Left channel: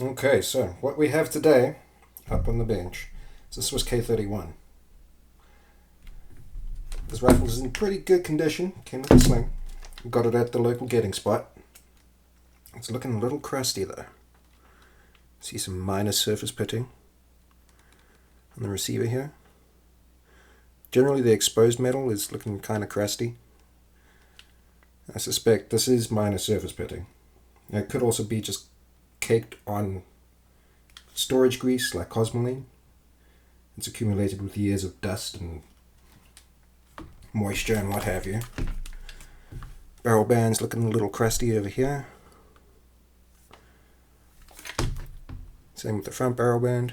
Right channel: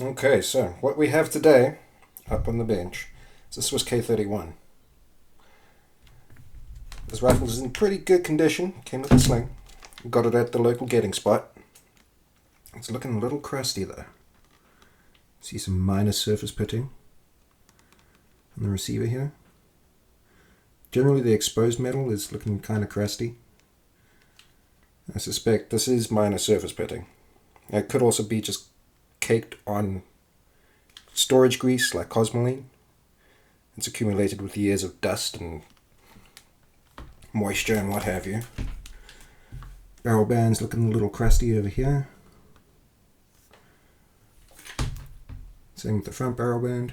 Okay, so what we have today up on the bench is a Swiss K31. This rifle is in pretty good condition, came with a sling. Got it at the local getting spot. It's looking a little crusty though. See some minor surface pitting on the receiver here. Generally the exposed metal is looking kind of crusty. I suspect this is minor surface pitting. It could also be just caked on storage grease like Cosmoline. It's accumulated with years of dust and moisture and what have you. Barrel band's looking a little crusty over here. Same with the front barrel band.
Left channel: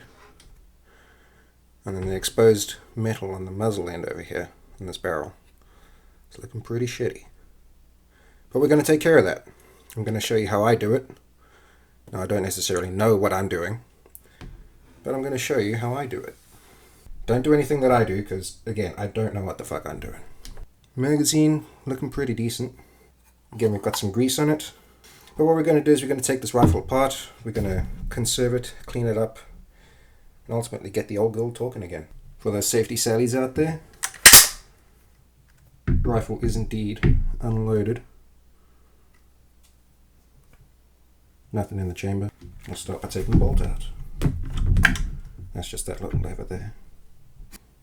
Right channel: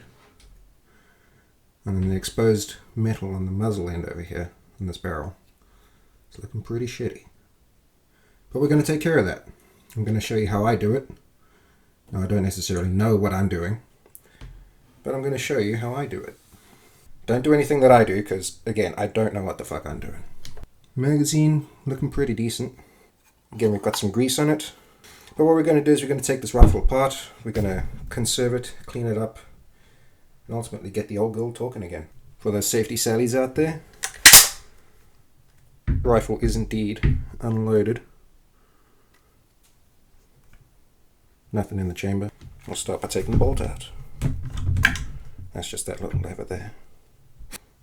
And then the exposed metal on the muzzle end over here in this barrel. It's looking pretty shitty. But we're going to take care of that. I'm going to show you how I do it. Now, I don't necessarily know what I'm doing, but I'm going to show you how I do it. Don't do anything that I do, because, again, I don't know what the fuck I'm doing. Magazine, looking pretty decent. Again, we've got some grease on it. But what we're going to do is we're going to take this rifle apart, we're going to conserve it, clean it up, and ultimately get the old girl talking again. For those safety sallies out there, rifle is indeed unloaded. Nothing in the chamber. We'll start by taking the bolt out. That's just that little lever there.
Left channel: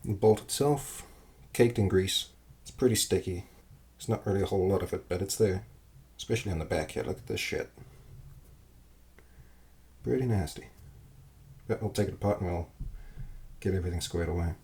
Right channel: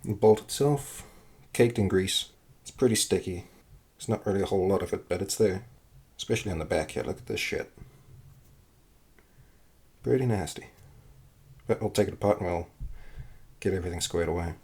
The bolt itself, caked in grease. It's pretty sticky. There's not really a whole lot of it, but it's there. Especially on the back here. Look at this shit. Pretty nasty. But we'll take it apart and we'll get everything squared away.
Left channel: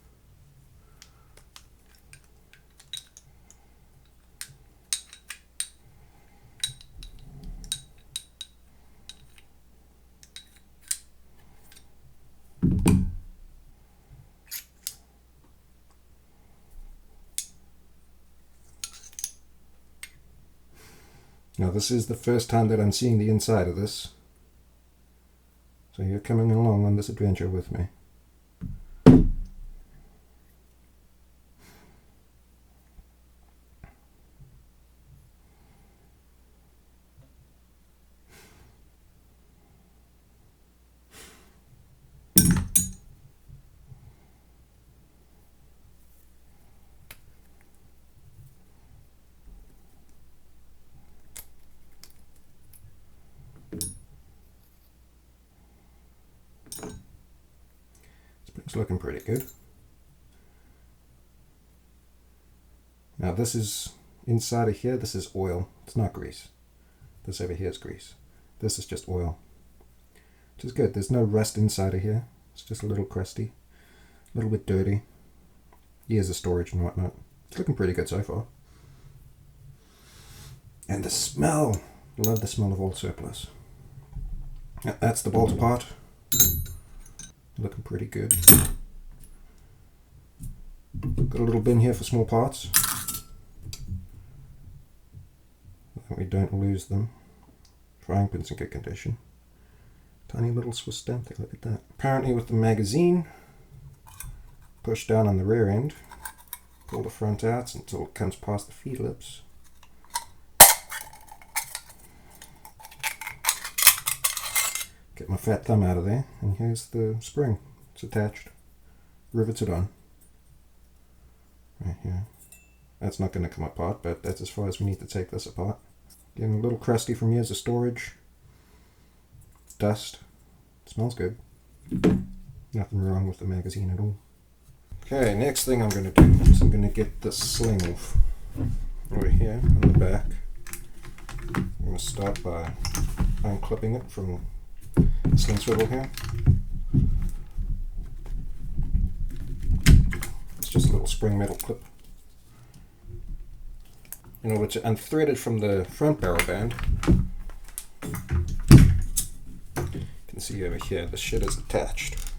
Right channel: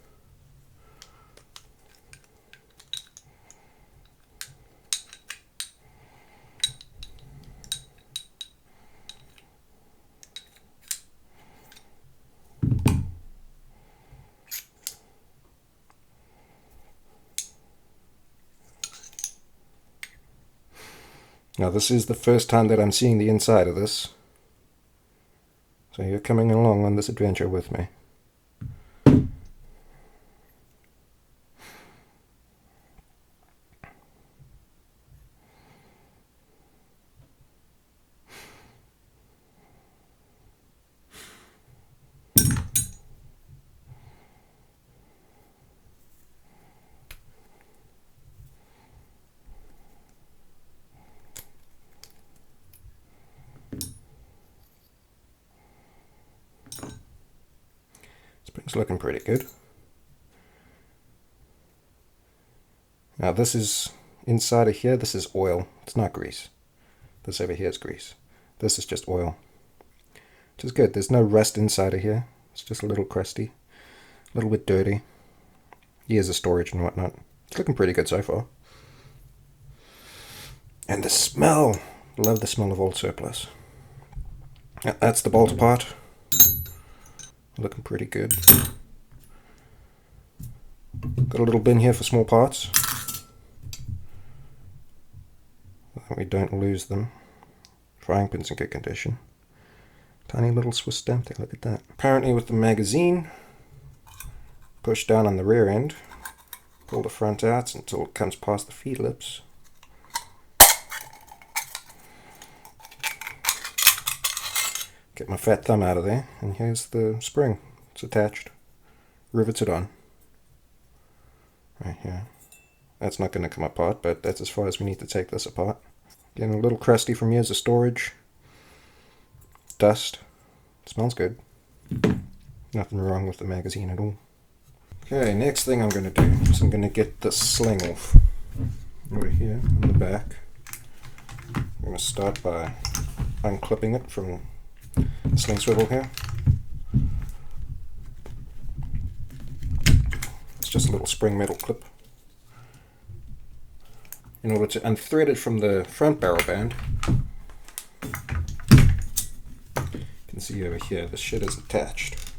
Now this is the first time that I'm seeing the inside of this. So you're coming along on this adventure with me. It's looking pretty good. Now this is inside of here, this is oil. It's not grease. This over here is grease. This is just oil. Which is good. There's no rust inside of here. It's just a little crusty. A little bit dirty. Years of storage and whatnot. It's looking pretty good so far. And the smell. Love the smell of old surplus. That's the bolt apart. Looking pretty good. Got a little bin here for small parts. That we don't lose them. Frying pin's in good condition. Tiny little Swiss stamp there, look at that. Apparently with the magazine, push down on the rear end, pull the front out until it comes past the feed lips. Get my fat thumb out of there, and here's the spring. It's attached, riveted on. Right here. That's not going to come apart, but that's as far as we need to take this apart. Getting a little crusty from years of storage. Dust. It smells good. Nothing wrong with the magazine at all. Okay, next thing I'm going to do is I'm going to get the sling off. Over here on the back. I'm going to start by unclipping it from the sling swivel here. It's just a little spring metal clip. In order to unthread it from the front barrel band, you can see over here the shit is attached.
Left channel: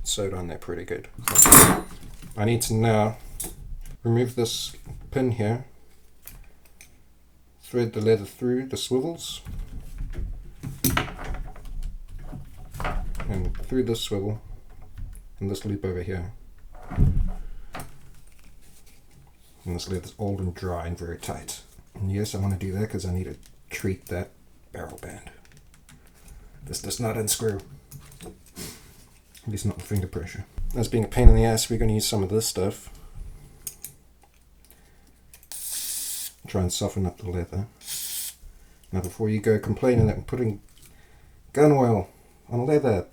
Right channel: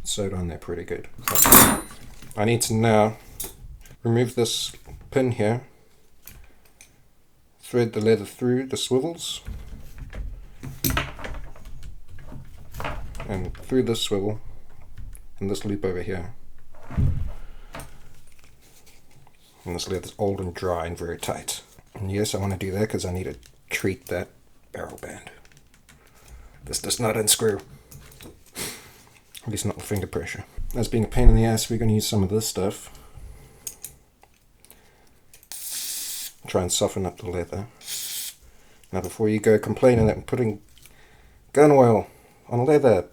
It's sewed on there pretty good. So I need to now remove this pin here, thread the leather through the swivels, and through this swivel and this loop over here. And this leather's old and dry and very tight. And yes, I want to do that because I need to treat that barrel band. This does not unscrew. At least not with finger pressure. As being a pain in the ass, we're going to use some of this stuff. Try and soften up the leather. Now before you go complaining that I'm putting gun oil on leather,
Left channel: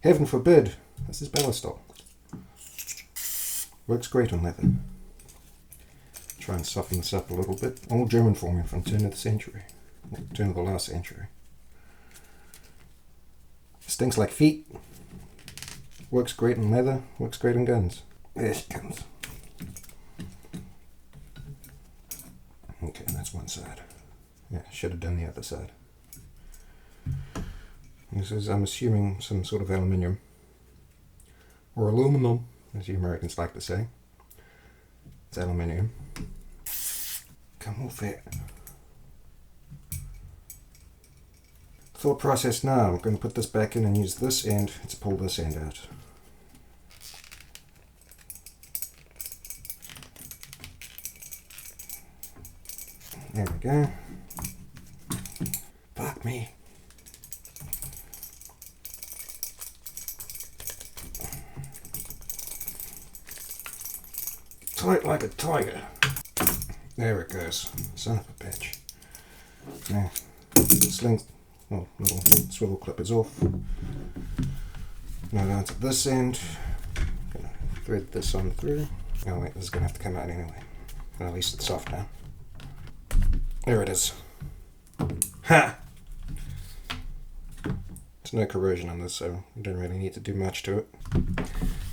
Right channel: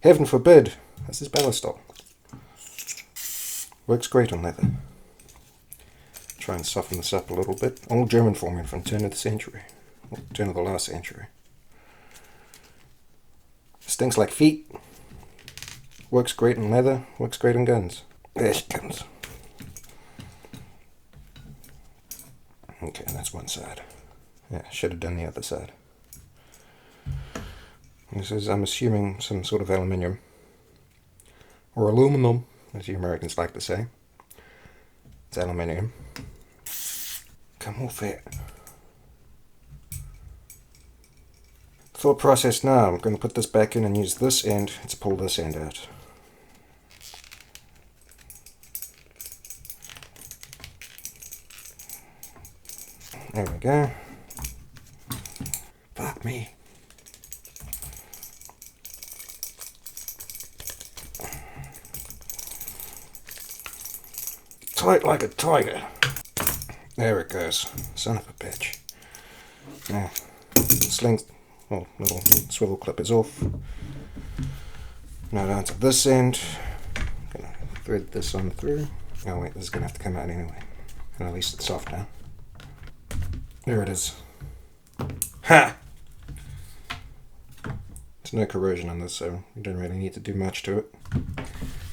heaven forbid, this is Ballistol. Works great on leather. Try and soften this up a little bit. All German formula from turn of the century. Or turn of the last century. Stinks like feet. Works great on leather. Works great on guns. There she comes. Okay, that's one side. Yeah, should have done the other side. This is, I'm assuming, some sort of aluminium. Or aluminum, as you Americans like to say. It's aluminium. Come off it. Thought process now. I'm going to put this back in and use this end to pull this end out. There we go. Fuck me. Tight like a tiger. There it goes. Son of a bitch. Now, sling, well, little swivel clip is off. Now down to this end. I'm gonna thread this on through. Oh wait, this is gonna have to come out anyway. And at least it's soft now. There it is. Ha! There's no corrosion on this, so you don't really need to do much to it.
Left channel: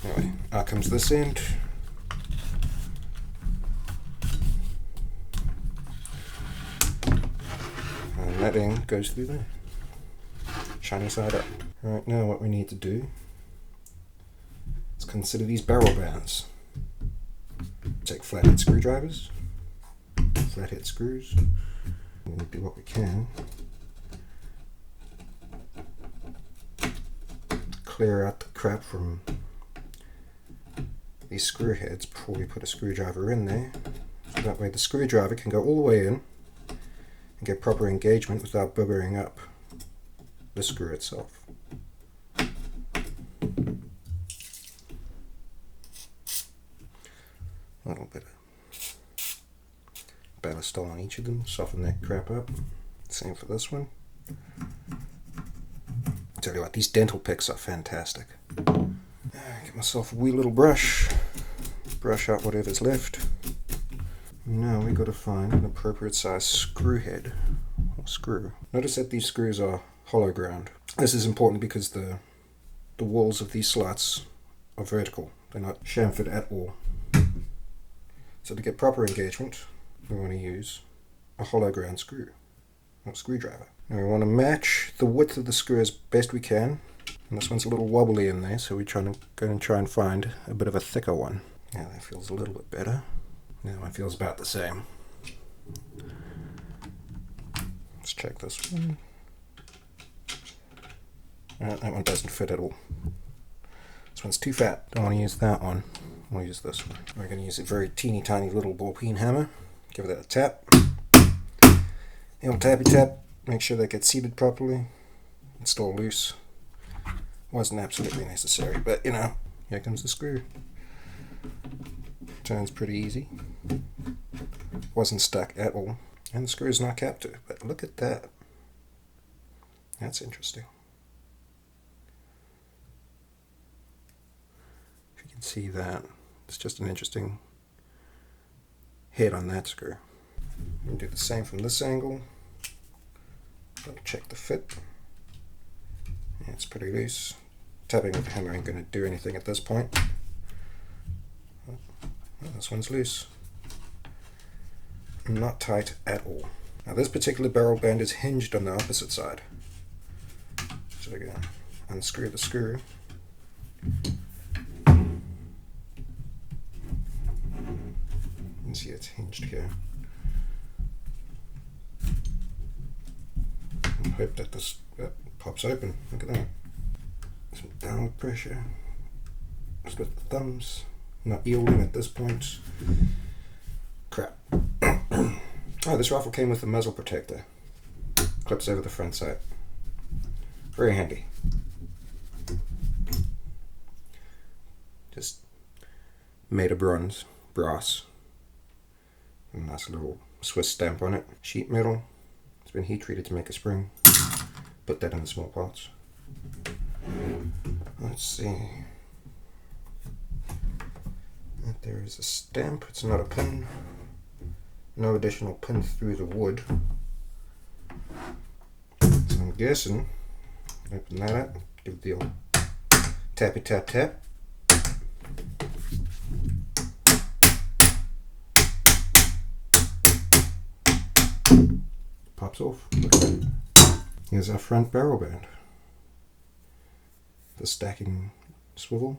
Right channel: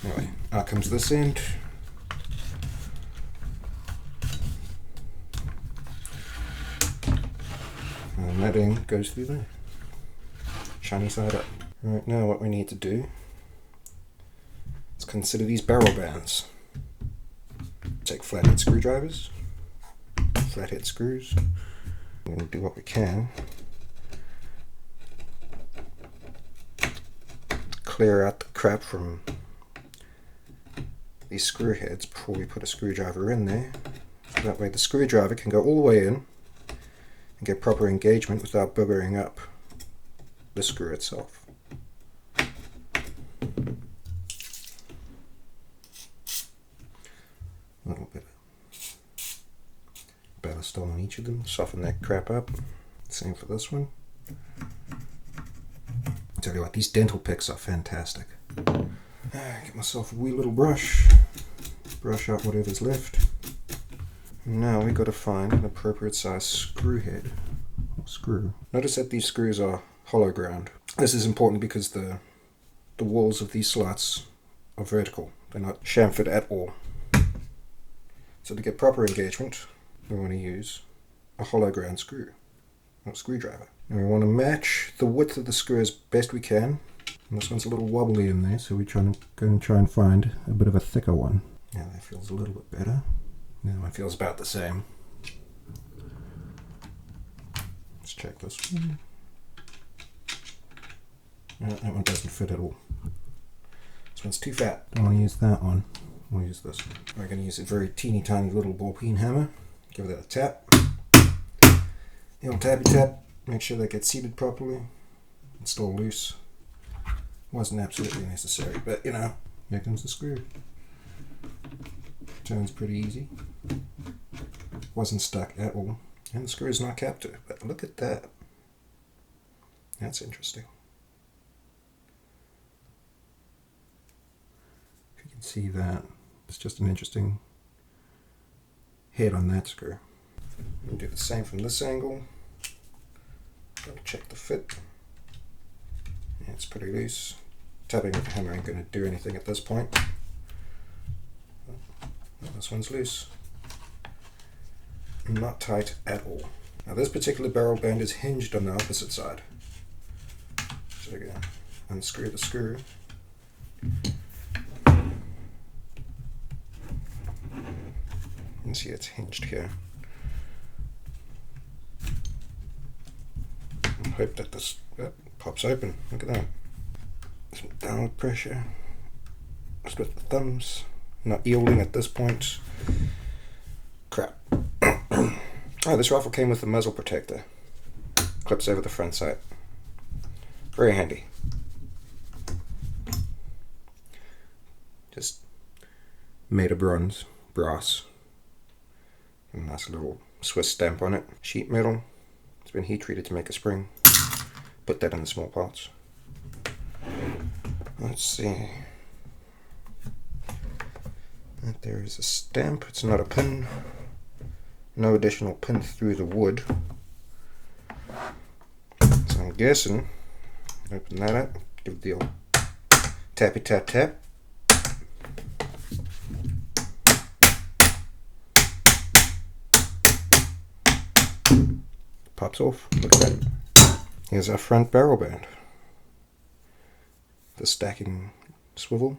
Anyway, out comes this end. And that end goes through there. Shiny side up. Right, now what we need to do is consider these barrel bands. Take flathead screwdrivers, flathead screws. We're going to do what we can to clear out the crap from these screw heads before we put a screwdriver in there. So that way the screwdriver can go all the way in and get proper engagement without boogering up the screw itself. A little bit of Ballistol on each of them, soften that crap up. Same for this one. Tell you what, these dental picks are fantastic. Get myself a wee little brush out whatever's left. Now we got to find an appropriate size screw head or screw. Notice that these screws are hollow ground. This is important because the walls of these slots are vertical. They're not chamfered at all. So to get proper engagement, we want to use a hollow ground screw or screwdriver. And we want to match the width of the screw as best we can. And this one's a little wobbly in there, so we're going to try and find a bit of a thicker one. Now that feels a little bit better. That one feels about the same. Let's check this one. That one doesn't fit at all. This one's too fat. Don't want to use that one. We'll use this one. We're going to use a very teeny tiny little ball peen hammer. Give that a tap. The old tappy tap. Make sure that gets seated properly. It's still loose. Wasn't absolutely necessary, but you know, here comes the screw. Turns pretty easy. Wasn't stuck at all. And the screw is not captive, but look at that. That's interesting. If you can see that, it's just an interesting head on that screw. We can do the same from this angle. Double check the fit. Yeah, it's pretty loose. Tapping with the hammer ain't going to do anything at this point. Oh, this one's loose. Not tight at all. Now this particular barrel band is hinged on the opposite side. So again, unscrew the screw. You can see it's hinged here. And hope that this pops open. Look at that. Some downward pressure. Just with the thumbs. Not yielding at this point. Crap. Oh, this rifle came with a muzzle protector. Clips over the front sight. Very handy. Just made of brass. A nice little Swiss stamp on it. Sheet metal. It's been heat treated to make a spring. Put that in the small parts. Let's see. There is a stamp. It's not a pin. No additional pin through the wood. So I'm guessing, open that up, give it the old tappy tap tap. Pops off. Look at that. Here's our front barrel band. The stacking swivel.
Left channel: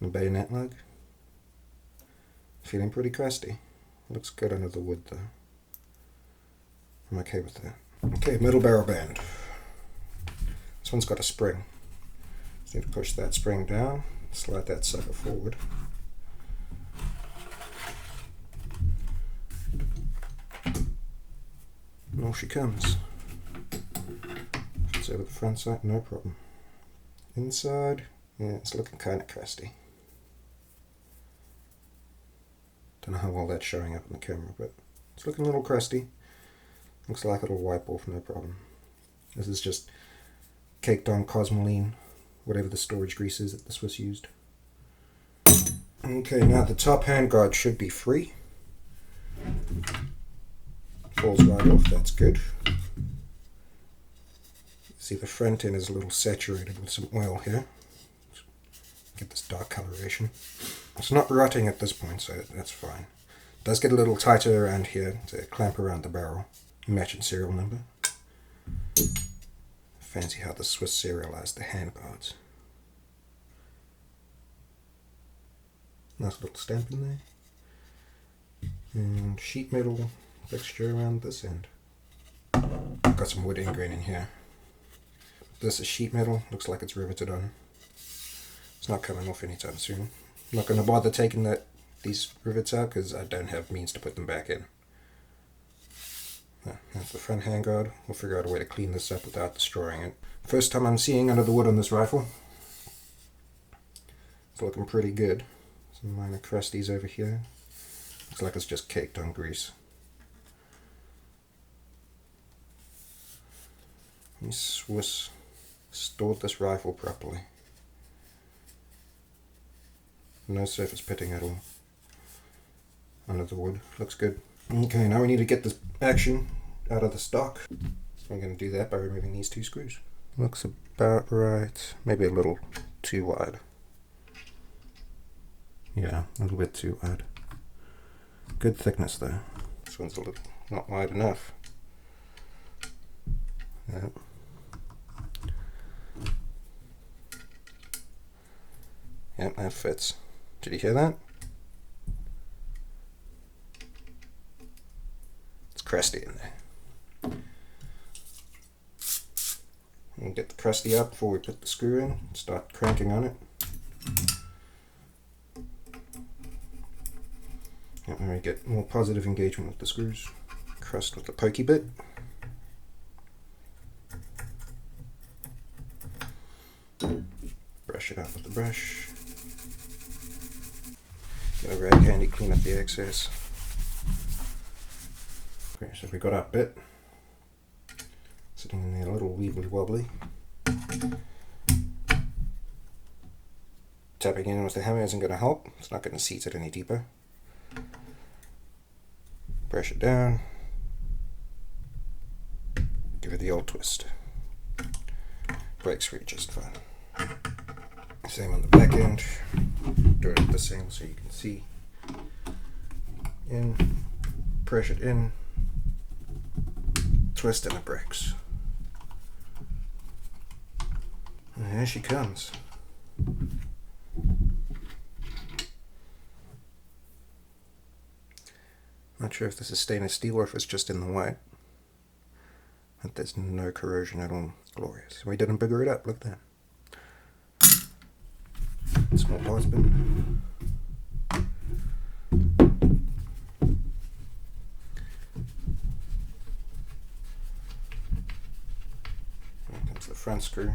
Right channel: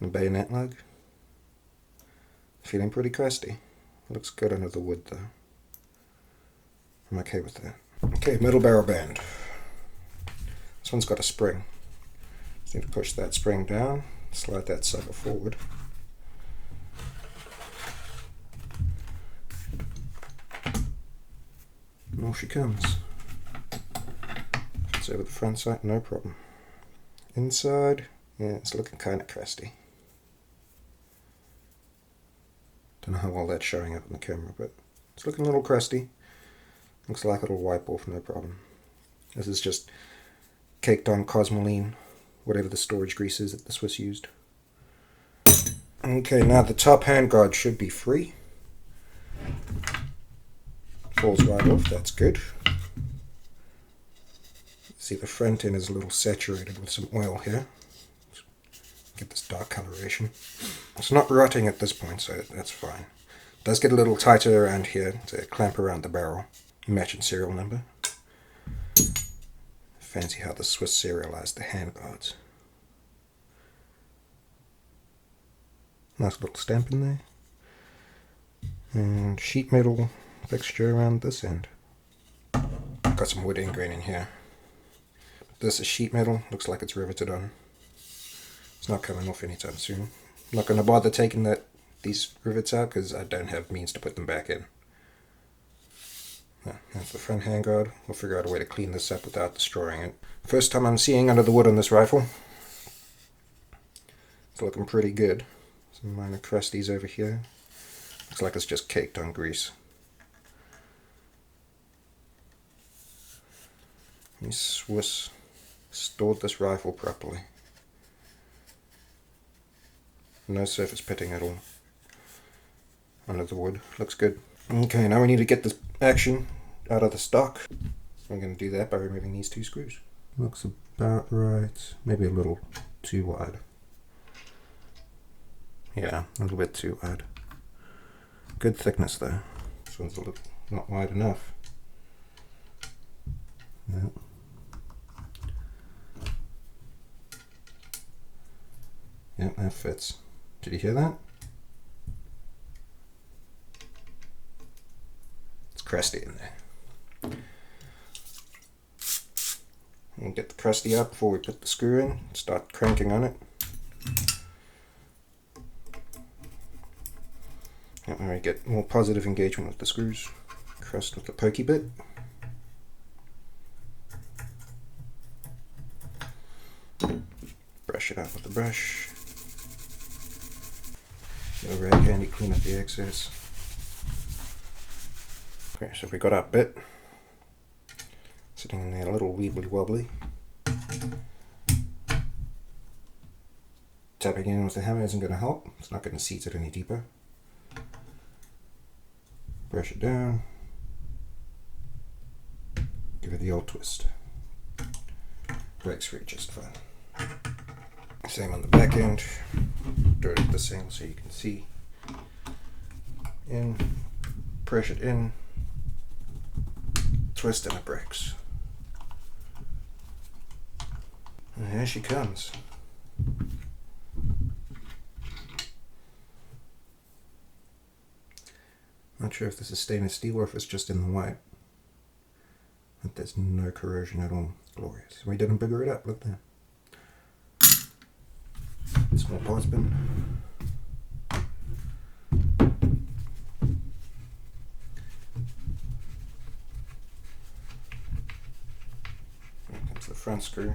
And bayonet lug. Feeling pretty crusty. Looks good under the wood though. I'm okay with that. Okay, middle barrel band. This one's got a spring. Just need to push that spring down, slide that sucker forward. And off she comes. If it's over the front side, no problem. Inside, yeah, it's looking kind of crusty. Don't know how well that's showing up on the camera, but it's looking a little crusty. Looks like it'll wipe off no problem. This is just caked on Cosmoline, whatever the storage grease is that the Swiss used. Okay, now the top handguard should be free. Falls right off, that's good. See, the front end is a little saturated with some oil here. Get this dark coloration. It's not rotting at this point, so that's fine. It does get a little tighter around here to clamp around the barrel. Matching serial number. Fancy how the Swiss serialized the handguards. Nice little stamp in there. And sheet metal fixture around this end. Got some wood ingrain in here. This is sheet metal, looks like it's riveted on. It's not coming off anytime soon. I'm not going to bother taking these rivets out because I don't have means to put them back in. That's the front handguard. We'll figure out a way to clean this up without destroying it. First time I'm seeing under the wood on this rifle. It's looking pretty good. Some minor crusties over here. Looks like it's just caked on grease. These Swiss stored this rifle properly. No surface pitting at all under the wood. Looks good. Okay, now we need to get this action out of the stock. I'm going to do that by removing these two screws. Looks about right. Maybe a little too wide. Yeah, a little bit too wide. Good thickness though. This one's a little not wide enough. Yep. Yep, that fits. Did you hear that? It's crusty in there. We'll get the crusty out before we put the screw in. Start cranking on it. And when we get more positive engagement with the screws, crust with the pokey bit. Brush it out with the brush. Get a rag handy, clean up the excess. Okay, so we got our bit sitting in there a little weebly wobbly. Tapping in with the hammer isn't going to help. It's not going to seat it any deeper. Brush it down. Give it the old twist. Breaks free just fine. Same on the back end. Do it the same so you can see. In, press it in, twist, and it breaks. And here she comes. Not sure if this is stainless steel or if it's just in the white. But there's no corrosion at all. Glorious. We didn't bigger it up, look at that. Small parts bin. off the front screw.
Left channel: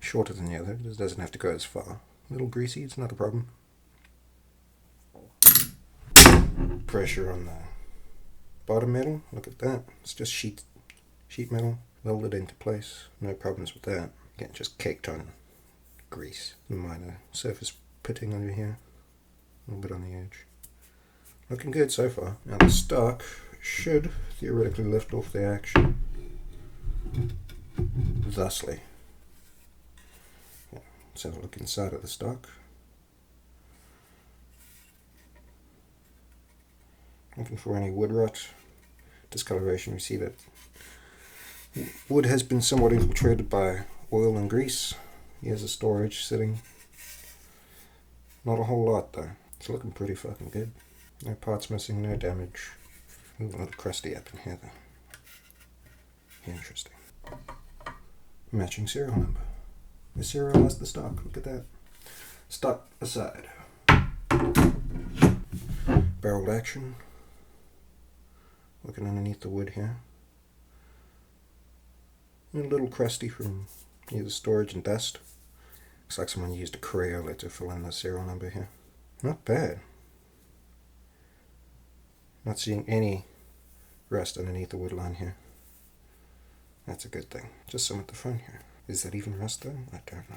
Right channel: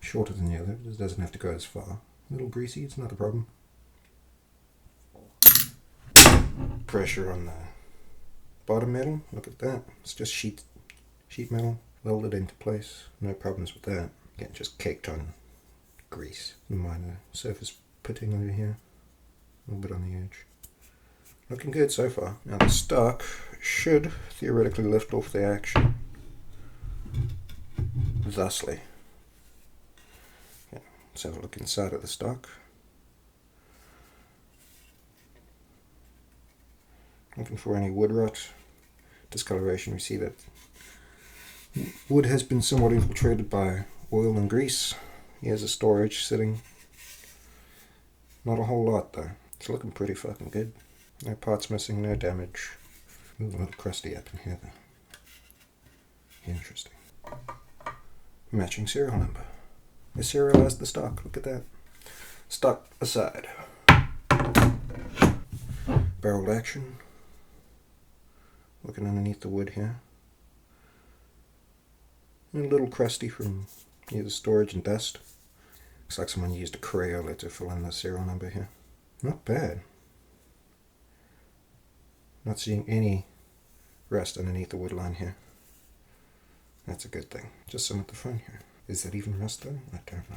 Shorter than the other, it doesn't have to go as far. A little greasy, it's not a problem. Pressure on the bottom metal, look at that. It's just sheet metal, welded into place. No problems with that. Again, just caked on grease. Minor surface pitting over here. A little bit on the edge. Looking good so far. Now the stock should theoretically lift off the action thusly. Yeah, let's have a look inside of the stock. Looking for any wood rot, discoloration. We see that wood has been somewhat infiltrated by oil and grease. Here's a storage sitting. Not a whole lot though. It's looking pretty fucking good. No parts missing, no damage. Ooh, a little crusty up in here though. Interesting. Matching serial number. I serialized the stock, look at that. Stock aside. Barreled action. Looking underneath the wood here. A little crusty from either storage and dust. Looks like someone used a Crayola to fill in the serial number here. Not bad. Not seeing any rust underneath the wood line here. That's a good thing. Just some at the front here. Is that even rust though? I don't know.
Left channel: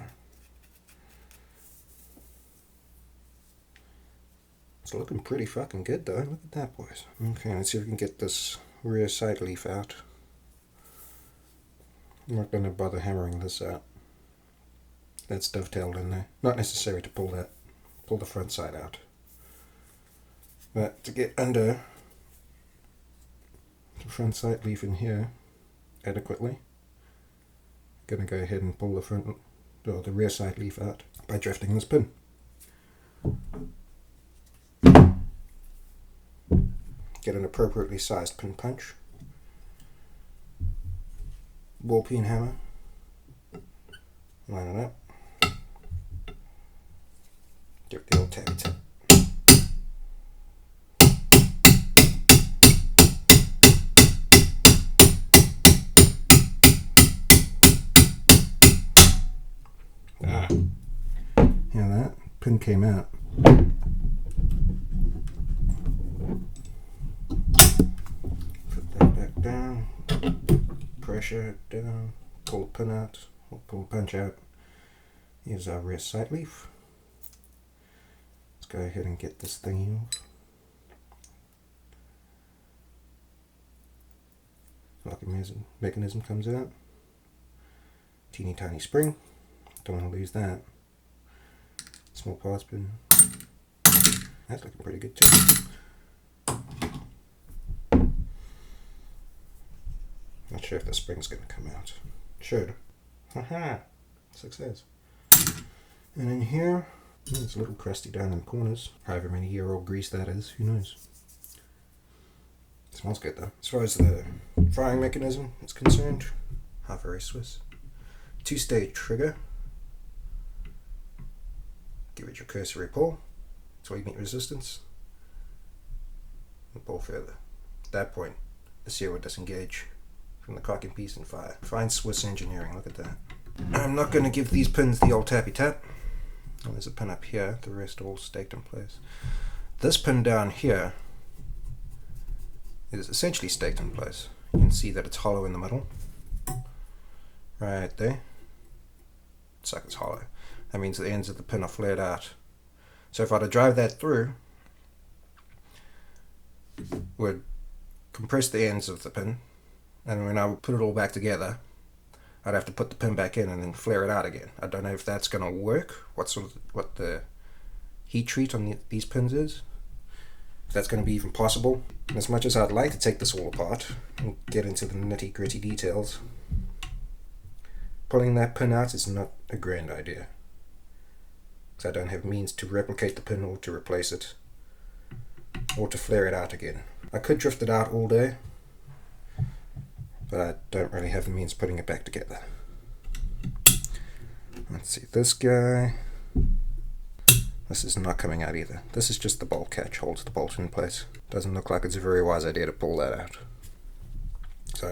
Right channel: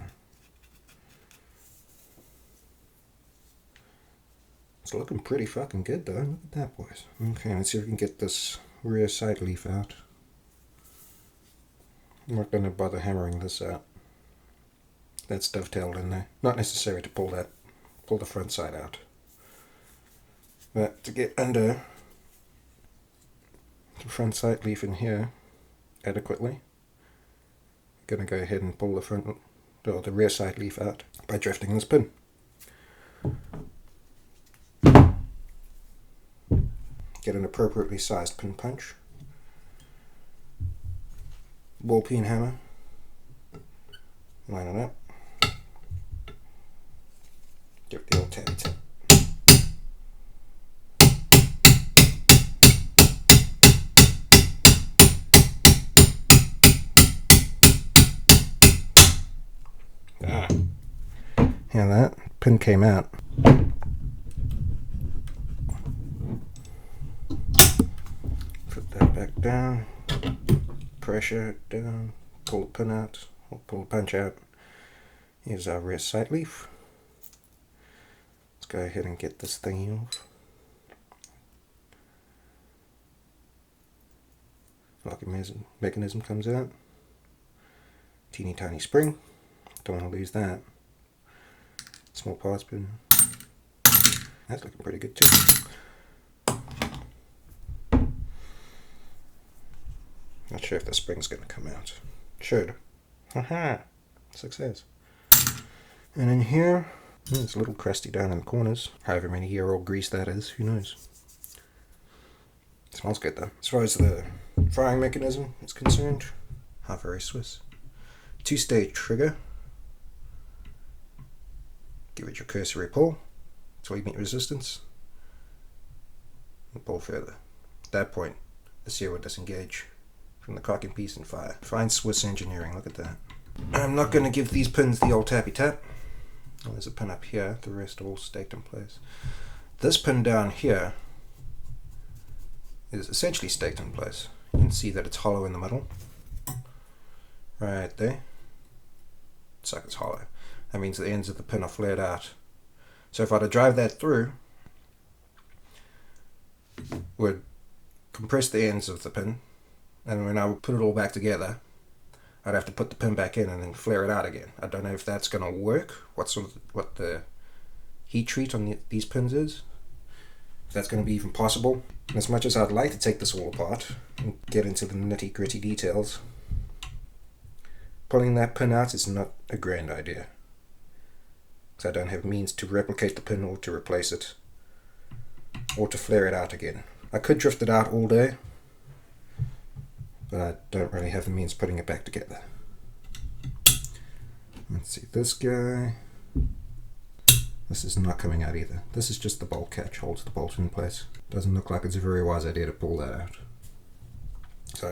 It's looking pretty fucking good though. Look at that, boys. Okay, let's see if we can get this rear side leaf out. I'm not going to bother hammering this out. That's dovetailed in there. Not necessary to pull the front side out. But to get under the front side leaf in here adequately, I'm going to go ahead and pull the rear side leaf out by drifting this pin. Get an appropriately sized pin punch. Ball peen hammer. Line it up. Give it the old tabby tap. Yeah, that pin came out. Put that back down. Pressure down. Pull the pin out. Or pull the punch out. Here's our rear side leaf. Let's go ahead and get this thing off. Locking mechanism comes out. Teeny tiny spring. Don't want to lose that. Small parts pin. That's looking pretty good too. Not sure if the spring's going to come out. Should. Haha! Success. And in here, it's a little crusty down in the corners. However many year-old grease that is, who knows. It smells good though. As far as the firing mechanism is concerned, how very Swiss. 2-stage trigger. Give it your cursory pull until you meet resistance. And pull further. At that point, the sear will disengage from the cocking piece and fire. Fine Swiss engineering, look at that. I'm not going to give these pins the old tappy tap. Oh, there's a pin up here, the rest all staked in place. This pin down here is essentially staked in place. You can see that it's hollow in the middle. Right there. Sucker's hollow. That means the ends of the pin are flared out. So if I were to drive that through, would compress the ends of the pin, and when I would put it all back together, I'd have to put the pin back in and then flare it out again. I don't know if that's going to work, what the heat treat on these pins is, if that's going to be even possible. And as much as I'd like to take this all apart and get into the nitty gritty details, pulling that pin out is not a grand idea. Because I don't have means to replicate the pin or to replace it, or to flare it out again. I could drift it out all day, but I don't really have the means of putting it back together. Let's see, this guy. This is not coming out either. This is just the bolt catch, holds the bolt in place. Doesn't look like it's a very wise idea to pull that out. So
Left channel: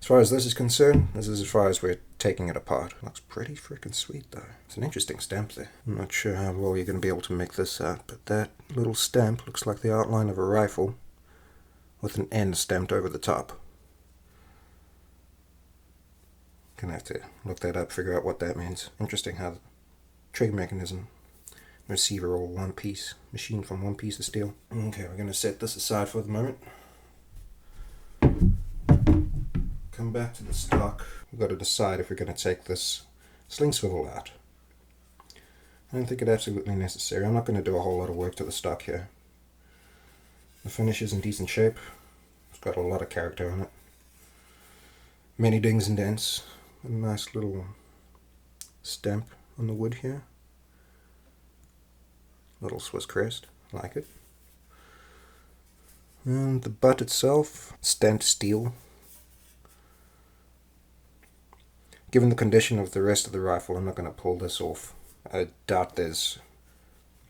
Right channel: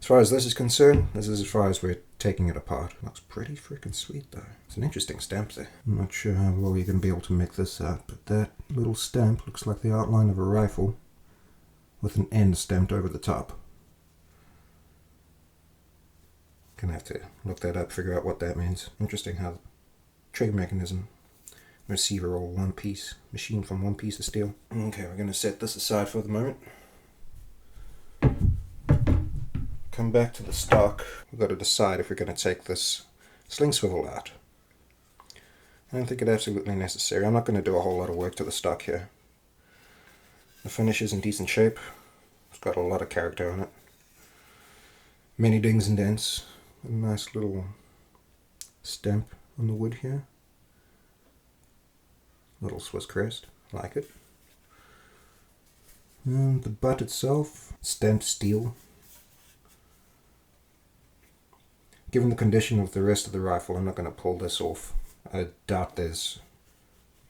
As far as this is concerned, this is as far as we're taking it apart. It looks pretty freaking sweet though. It's an interesting stamp there. I'm not sure how well you're going to be able to make this out, but that little stamp looks like the outline of a rifle with an N stamped over the top. Gonna have to look that up, figure out what that means. Interesting how the trigger mechanism, receiver, all one piece, machined from one piece of steel. Okay, we're gonna set this aside for the moment. Come back to the stock. We've got to decide if we're going to take this sling swivel out. I don't think it's absolutely necessary. I'm not going to do a whole lot of work to the stock here. The finish is in decent shape. It's got a lot of character on it. Many dings and dents. A nice little stamp on the wood here. Little Swiss crest. I like it. And the butt itself, stamped steel. Given the condition of the rest of the rifle, I'm not going to pull this off. I doubt there's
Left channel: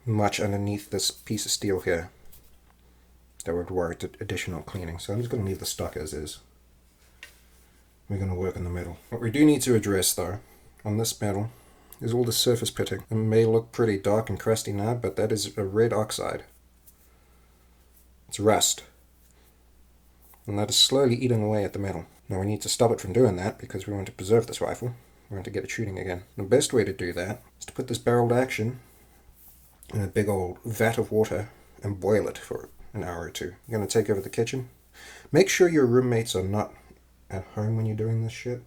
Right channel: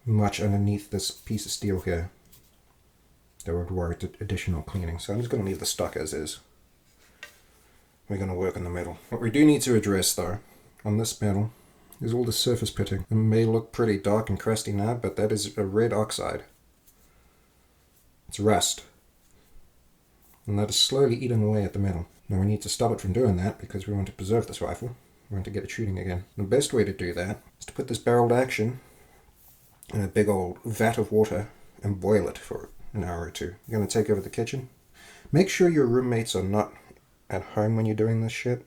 much underneath this piece of steel here that would warrant additional cleaning. So I'm just going to leave the stock as is. We're going to work on the metal. What we do need to address though, on this metal, is all the surface pitting. It may look pretty dark and crusty now, but that is a red oxide. It's rust. And that is slowly eating away at the metal. Now we need to stop it from doing that because we want to preserve this rifle. We want to get it shooting again. The best way to do that is to put this barreled action in a big old vat of water and boil it for an hour or two. You're going to take over the kitchen. Make sure your roommates are not at home when you're doing this shit.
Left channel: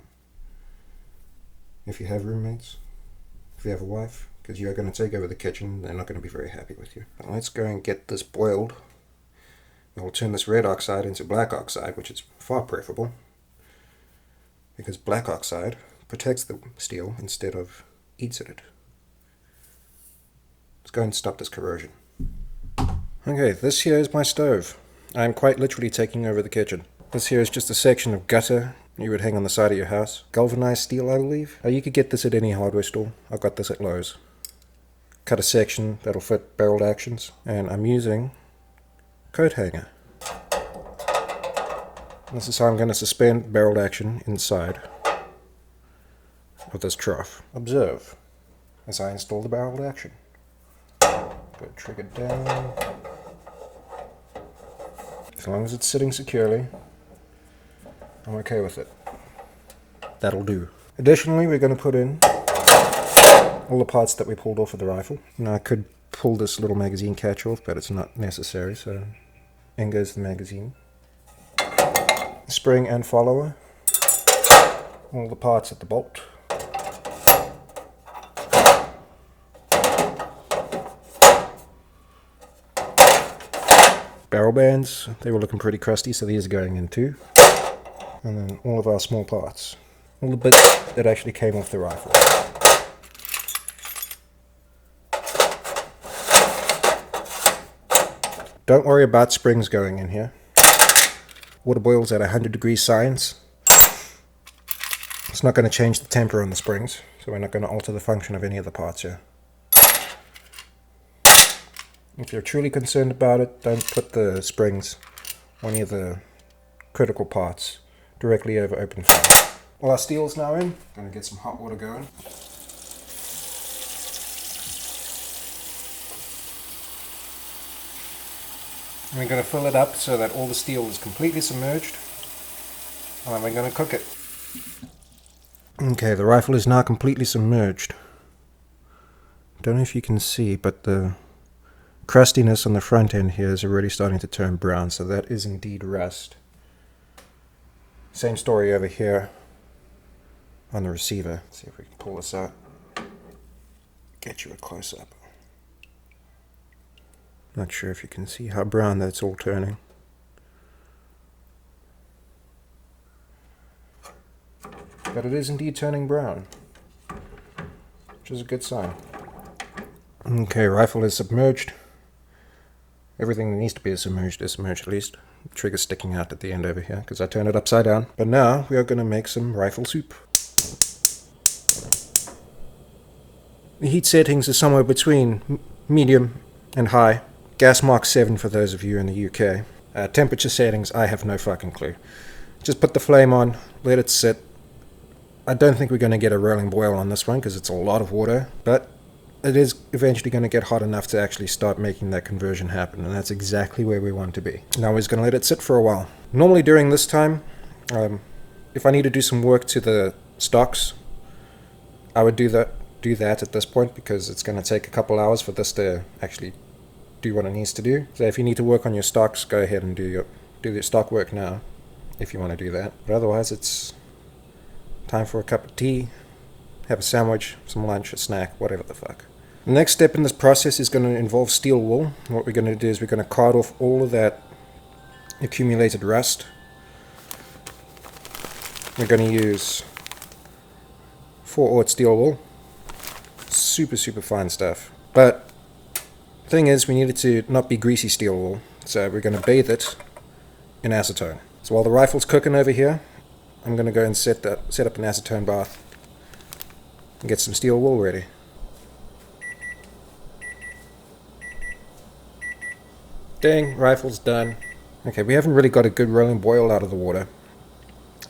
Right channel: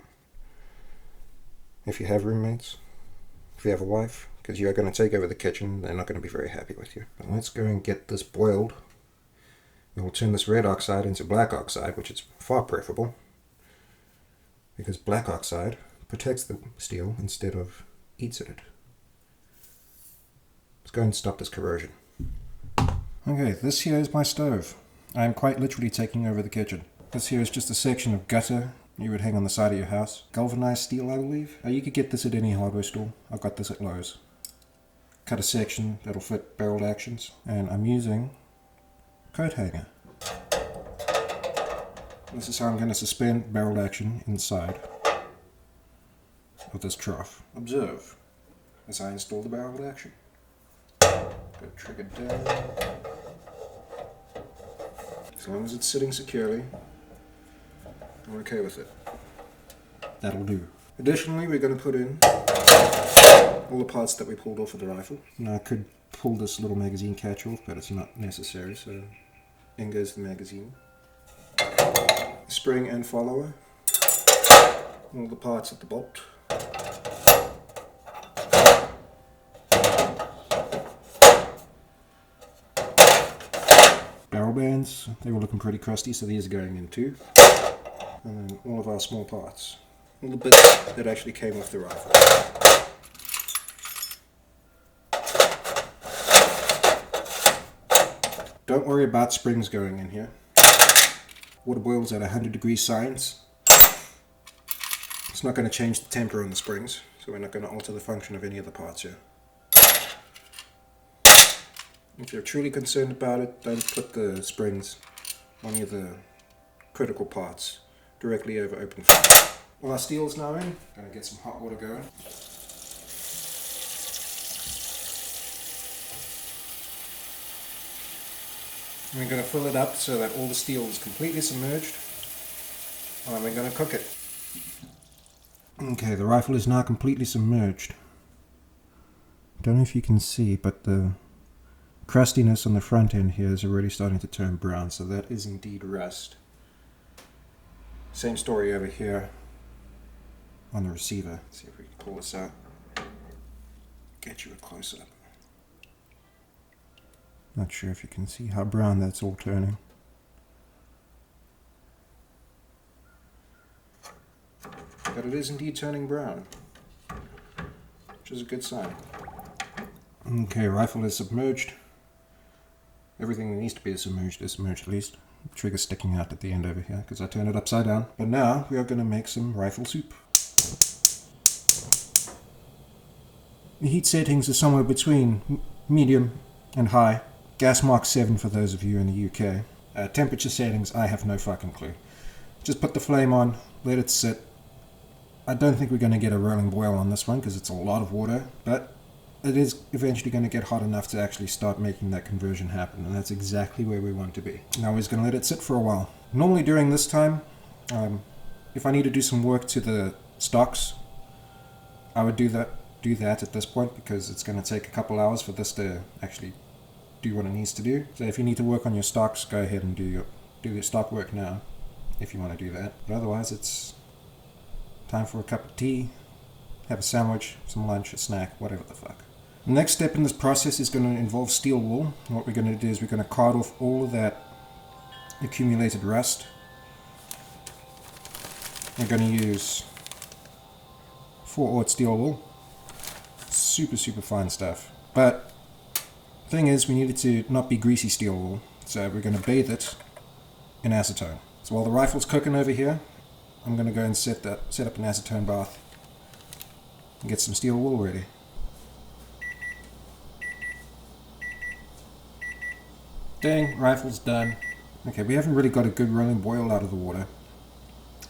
If you have roommates, if you have a wife, because you're going to take over the kitchen, they're not going to be very happy with you. But let's go and get this boiled. We'll turn this red oxide into black oxide, which is far preferable, because black oxide protects the steel instead of eats at it. Let's go and stop this corrosion. Okay, this here is my stove. I'm quite literally taking over the kitchen. This here is just a section of gutter you would hang on the side of your house. Galvanized steel, I believe. You could get this at any hardware store. I got this at Lowe's. Cut a section that'll fit barreled actions, and I'm using coat hanger. This is how I'm going to suspend barreled action inside of this trough. Observe as I install the barreled action. Go trigger down. As long as it's sitting securely, I'm okay with it. That'll do. Additionally, we're going to put in all the parts that we pulled off of the rifle. Now I could pull this little magazine catch off, but it's not necessary, so in goes the magazine. Spring and follower. All the parts at the bolt. Barrel bands, they were looking pretty crusty, so these are going in too. And then all of our small parts. All the bits that actually came off the rifle. Don't worry about springs going in here. Water boils at 100 degrees science. It's not going to change the temper on the springs, so we're not going to alter the function of any of the parts here. If you're truly concerned about it, don't put the springs or any of the critical parts directly over open fire. Well, our steel's now in. Going to get some hot water going. We're going to fill it up so that all the steel is completely submerged, and then we're going to cook it. Okay, the rifle is now completely submerged. Don't know if you can see, but the crustiness on the front end here is already starting to turn brown, so that is indeed rust. Same story over here on the receiver. Let's see if we can pull this out. Get you a close-up. Not sure if you can see how brown that's all turning. But it is indeed turning brown, which is a good sign. Okay, rifle is submerged. Everything that needs to be submerged is submerged at least. The trigger's sticking out at the end over here because I turned it upside down. But now we are going to make some rifle soup. The heat settings are somewhere between medium and high. Gas mark 7 for those of you in the UK. Temperature settings, I have no fucking clue. Just put the flame on, let it sit. I don't think we're going to get a rolling boil on this one because it's a lot of water, but it is eventually going to get hot enough to actually start making that conversion happen, and that's exactly where we want to be. Now we're just going to let it sit for a while. Normally during this time, if I need to do some work to the stocks, I would do that at this point, because it's going to take a couple hours for this to actually do what it needs to do. So if you need to work on your stocks, go ahead and do your stock work now, if you want to do that. But otherwise, it's time for a cup of tea, have a sandwich, some lunch, a snack, whatever the fuck. The next step in this process is going to involve steel wool. What we're going to do is we're going to card off all of that accumulated rust. We're going to use 4/0 steel wool. Super fine stuff. But the thing is, we need it to not be greasy steel wool, so we're going to bathe it in acetone. So while the rifle's cooking over here, I'm going to go and set up an acetone bath and get some steel wool ready. Dang, rifle's done. Okay, we haven't really got a good rolling boil out of the water,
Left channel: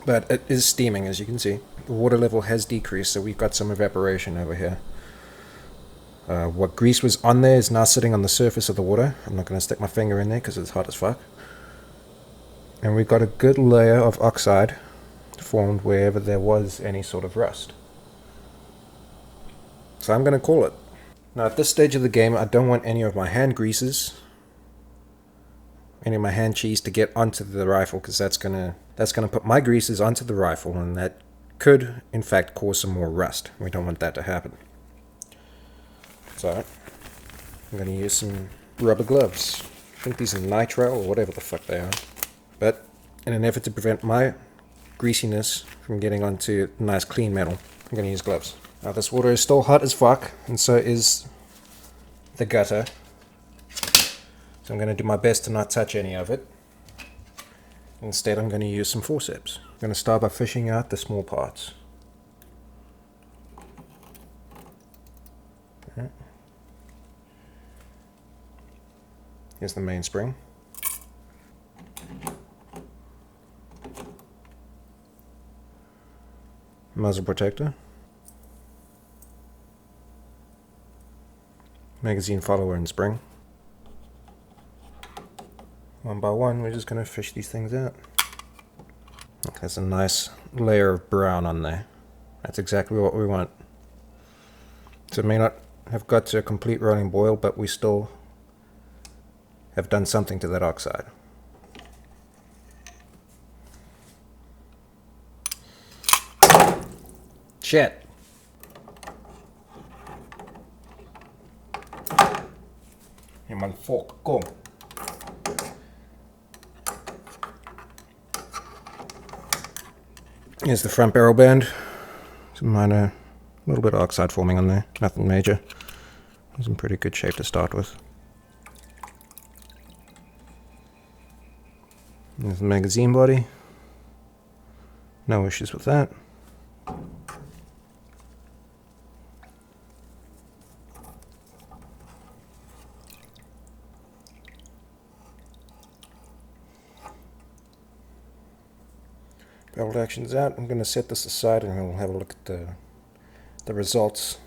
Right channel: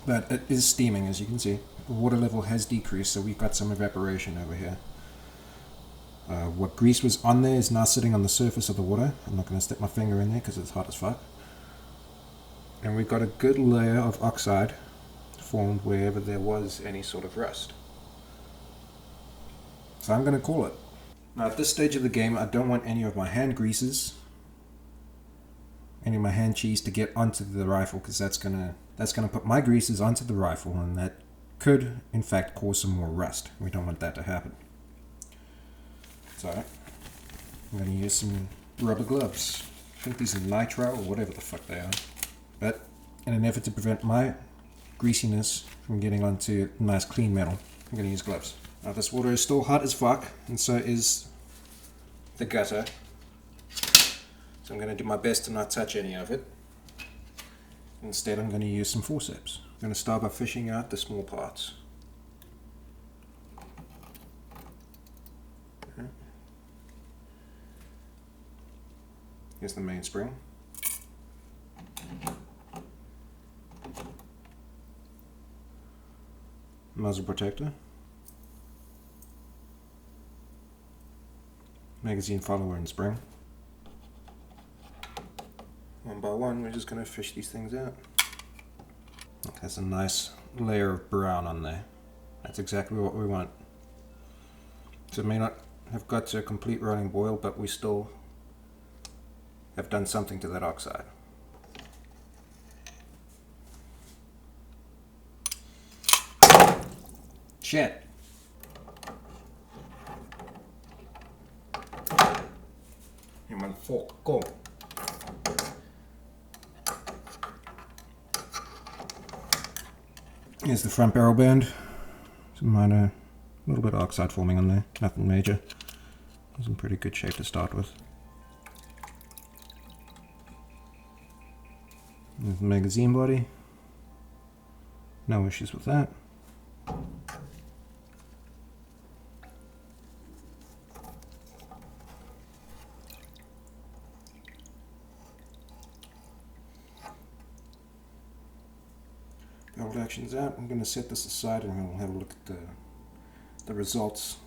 but it is steaming, as you can see. The water level has decreased, so we've got some evaporation over here. What grease was on there is now sitting on the surface of the water. I'm not going to stick my finger in there because it's hot as fuck. And we've got a good layer of oxide formed wherever there was any sort of rust. So I'm going to call it. Now at this stage of the game, I don't want any of my hand greases, any of my hand cheese to get onto the rifle, because that's gonna put my greases onto the rifle, and that could in fact cause some more rust. We don't want that to happen. So I'm going to use some rubber gloves. I think these are nitrile or whatever the fuck they are. But in an effort to prevent my greasiness from getting onto nice clean metal, I'm going to use gloves. Now this water is still hot as fuck, and so is the gutter. So I'm going to do my best to not touch any of it. Instead, I'm going to use some forceps. I'm going to start by fishing out the small parts. Okay. Here's the main spring. Muzzle protector. Magazine follower and spring. One by one, we're just going to fish these things out. Look, there's a nice layer of brown on there. That's exactly what we want. So it may not have got to a complete rolling boil, but we still have done something to that oxide. Shit. Hey, motherfucker, go. Here's the front barrel band. Some minor, a little bit of oxide forming on there. Nothing major. It's in pretty good shape to start with. There's the magazine body. No issues with that. Barrel action's out. I'm going to set this aside and we'll have a look at the results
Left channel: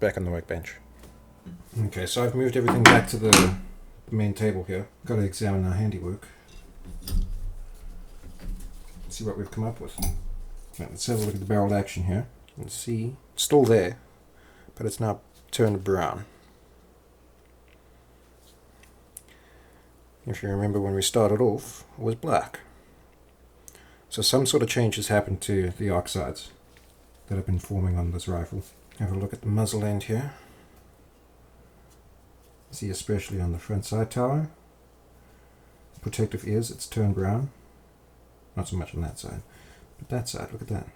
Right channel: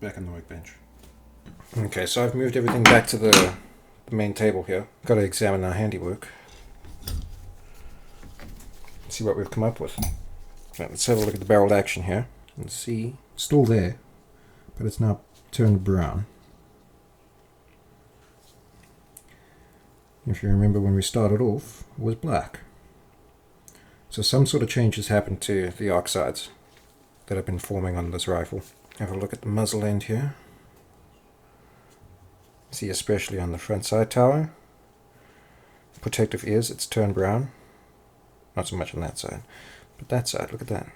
back on the workbench. Okay, so I've moved everything back to the main table here. Got to examine our handiwork. See what we've come up with. Right, let's have a look at the barrel action here and see. It's still there, but it's now turned brown. If you remember, when we started off, it was black. So some sort of change has happened to the oxides that have been forming on this rifle. Have a look at the muzzle end here. See, especially on the front side tower, protective ears, it's turned brown. Not so much on that side, but that side, look at that.